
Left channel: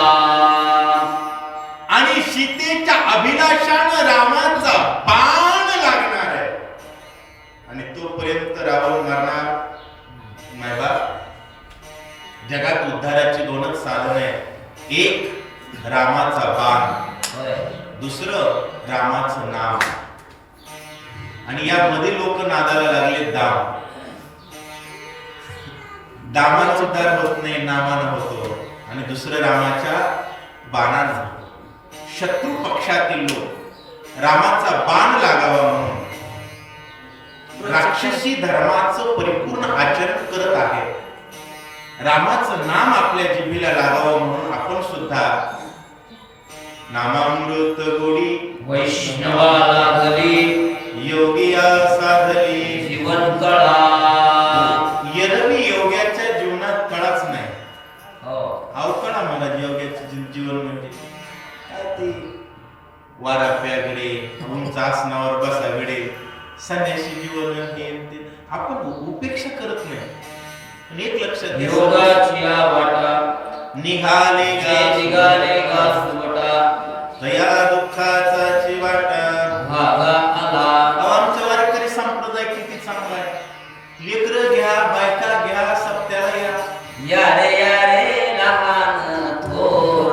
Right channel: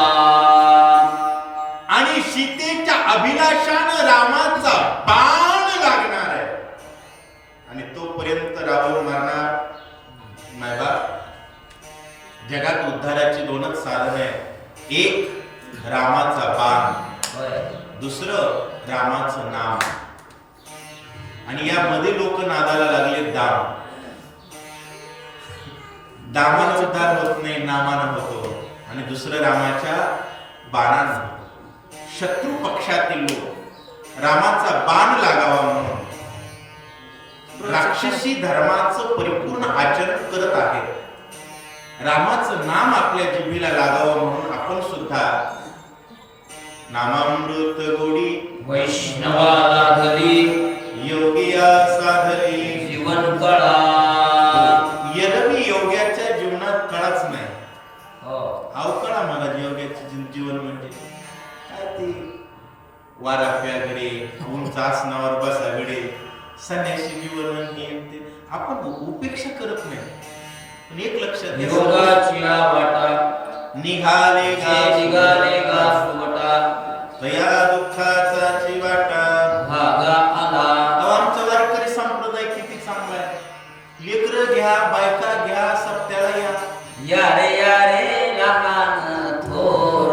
आणि सीतेच्या अभिलाषानं रामाचा बाण लागणार आहे आणि तोपर्यंत रावण मरणार. माय बाप, जगात उद्धाराची 2च साधन आहेत. एक रामाचा बाण, दुसरं रामाचं नाम. आणि यामध्ये लोक नादाला लागले दाम. दामानं उद्धार होत नाही, नामानं होतो. आणि दुसरं रामाच्या बाणानं. शत्रू पक्षातील लोक रामाचा बाण लागावा म्हणून राक्षसी धर्माचं परिपूर्ण आचरण करत आहेत. रामाचं नाम आपल्या जिभेला लागावं म्हणून आपण सुद्धा नामामृत गोडी वैष्णवाला लागली, योगिया साधली जीवन कळा. एरवी योग्याच्या जीवनात कळाच नाही. अवकळा मला योग्याचे जीवन म्हणजे काय ते वाराप्याकडे, उंच आसनावर बसाकडे, संन्यासी जीवन हे ते आपण उपेक्षा करत नाही. पण एक लक्षात घ्या, योगाची वाटा निघाले गा सुवटा, दया दुःखाचा चिवाटा भागा आला. आमच्या वारकरी संप्रदाय किती चांगला आहे. लेकरं घ्या, बायका घ्या, सप्त्याला या रे लहान थोर,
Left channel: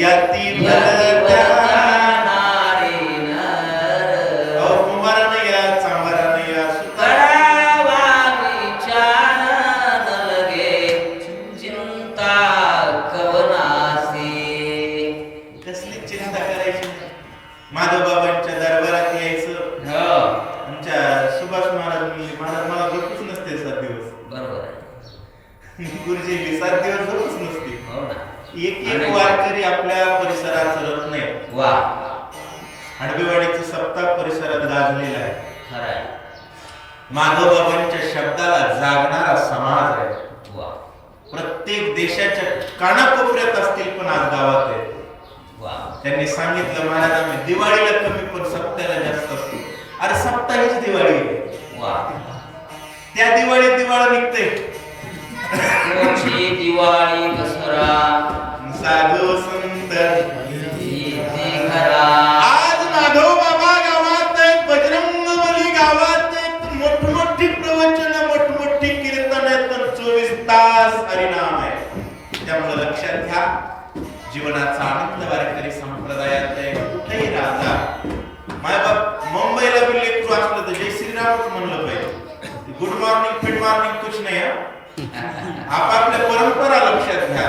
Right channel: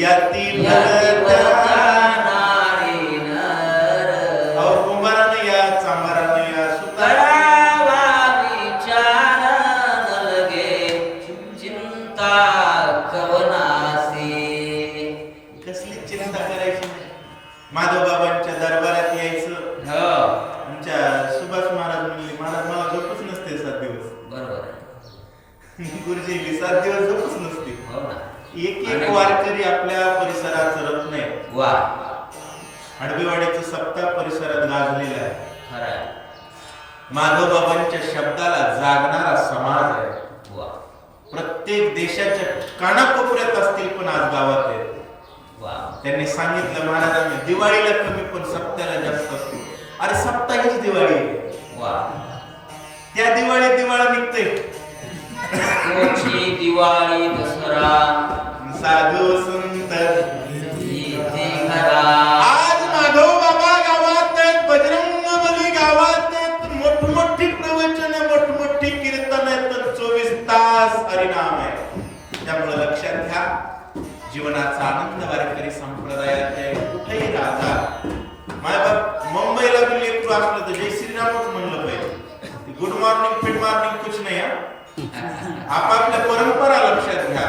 याती कुंभारानं या, चांभारानं या, करावा विचार मलगे, चिंता कवनासी. कसली चिंता करायची नाही. माधव बाबांच्या दरबारात यायचं. आमच्या सुभाष महाराज म्हणले, महाराज मला झोपच नसते 7 दिवस. बरोबर. गुरुजी 7 दिवस झोपच नसते. हो ना. एक वारकरी आपल्या परिसरात सरत नाही. वा. हडबीवाडीचं सप्ताह परिसरात गाजलेला आहे. खरंय. माधव बाबांच्या शब्दाला जागणारा समाज आहे. वा. प्रत्येक देशाच्या कानाकोपऱ्यात असतील पण आज गावात आहे. वा. त्यांनी सांगितलं, महाराज आम्ही दिवाळीला कमी पण सप्त्याला जास्त असतो. अरे सप्ताह हीच दिवाळी आहे. वा. त्या दिवाळीत दिवाळा निघते. कोची दिवाळी दसरा, साधू संत घरा. आज माधव बाबा गावात आहेत, बजरंग बली गावात आहेत, मोठमोठी प्रवचन, मोठमोठी कीर्तन आहेत, पण 24 तास हरिनाम आहे. त्यामुळे लक्षात घ्या, जीवनाचा आनंद वारकरी संप्रदायात आहे. कुठेही राजा माय बाप मुंबईला बी लेकरू असलं तर जय श्रीरामच म्हणलं पाहिजे. गुड मॉर्निंग फिड मॉर्निंग कुछ नाही हा. आपापल्या परंपरा लक्षात घ्या.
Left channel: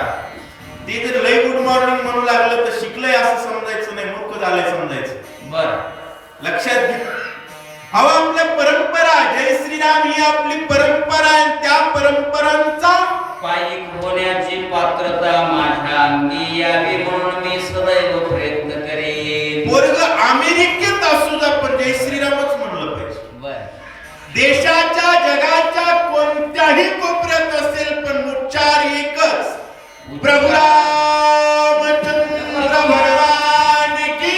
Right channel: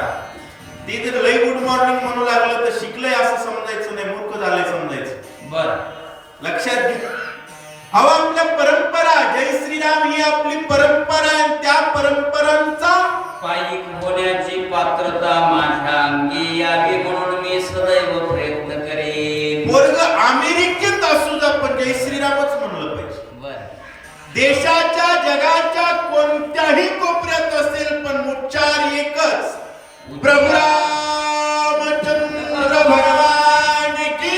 ते जर लई गुड मॉर्निंग म्हणू लागलं तर शिकलंय असं समजायचं नाही, मूर्ख झालंय समजायचं. बर लक्षात घ्या. अहो आपल्या परंपरा, जय श्रीराम ही आपली परंपरा आहे. त्या परंपरांचा पायिक होण्याची पात्रता माझ्या अंगी यावी म्हणून मी सदैव प्रयत्न करेन. वर्ग अमेरिकेत असू द्या पण जय श्रीरामच म्हणलं पाहिजे. बर देशाच्या जगाच्या कोणत्याही कोपऱ्यात असेल पण उच्चार एकच, प्रभू रामचंद्र भगवान की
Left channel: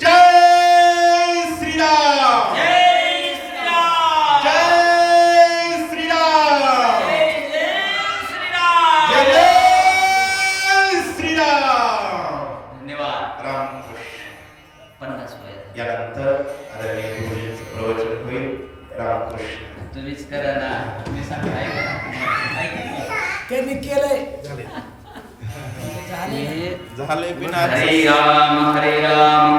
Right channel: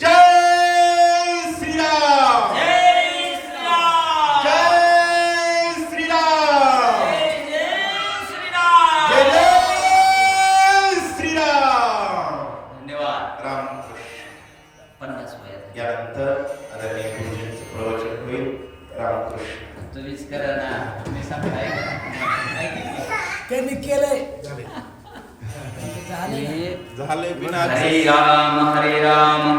जय श्रीराम. जय श्रीराम. जय श्रीराम. जय जय जय श्रीराम. धन्यवाद. रामकृष्ण. 50 वय यानंतर आदरणीय गुरुजींचं प्रवचन होईल. रामकृष्ण. तुम्हीच करा ना, तुम्ही सांगा. त्यांनी केलंय झाले बिना हरे राम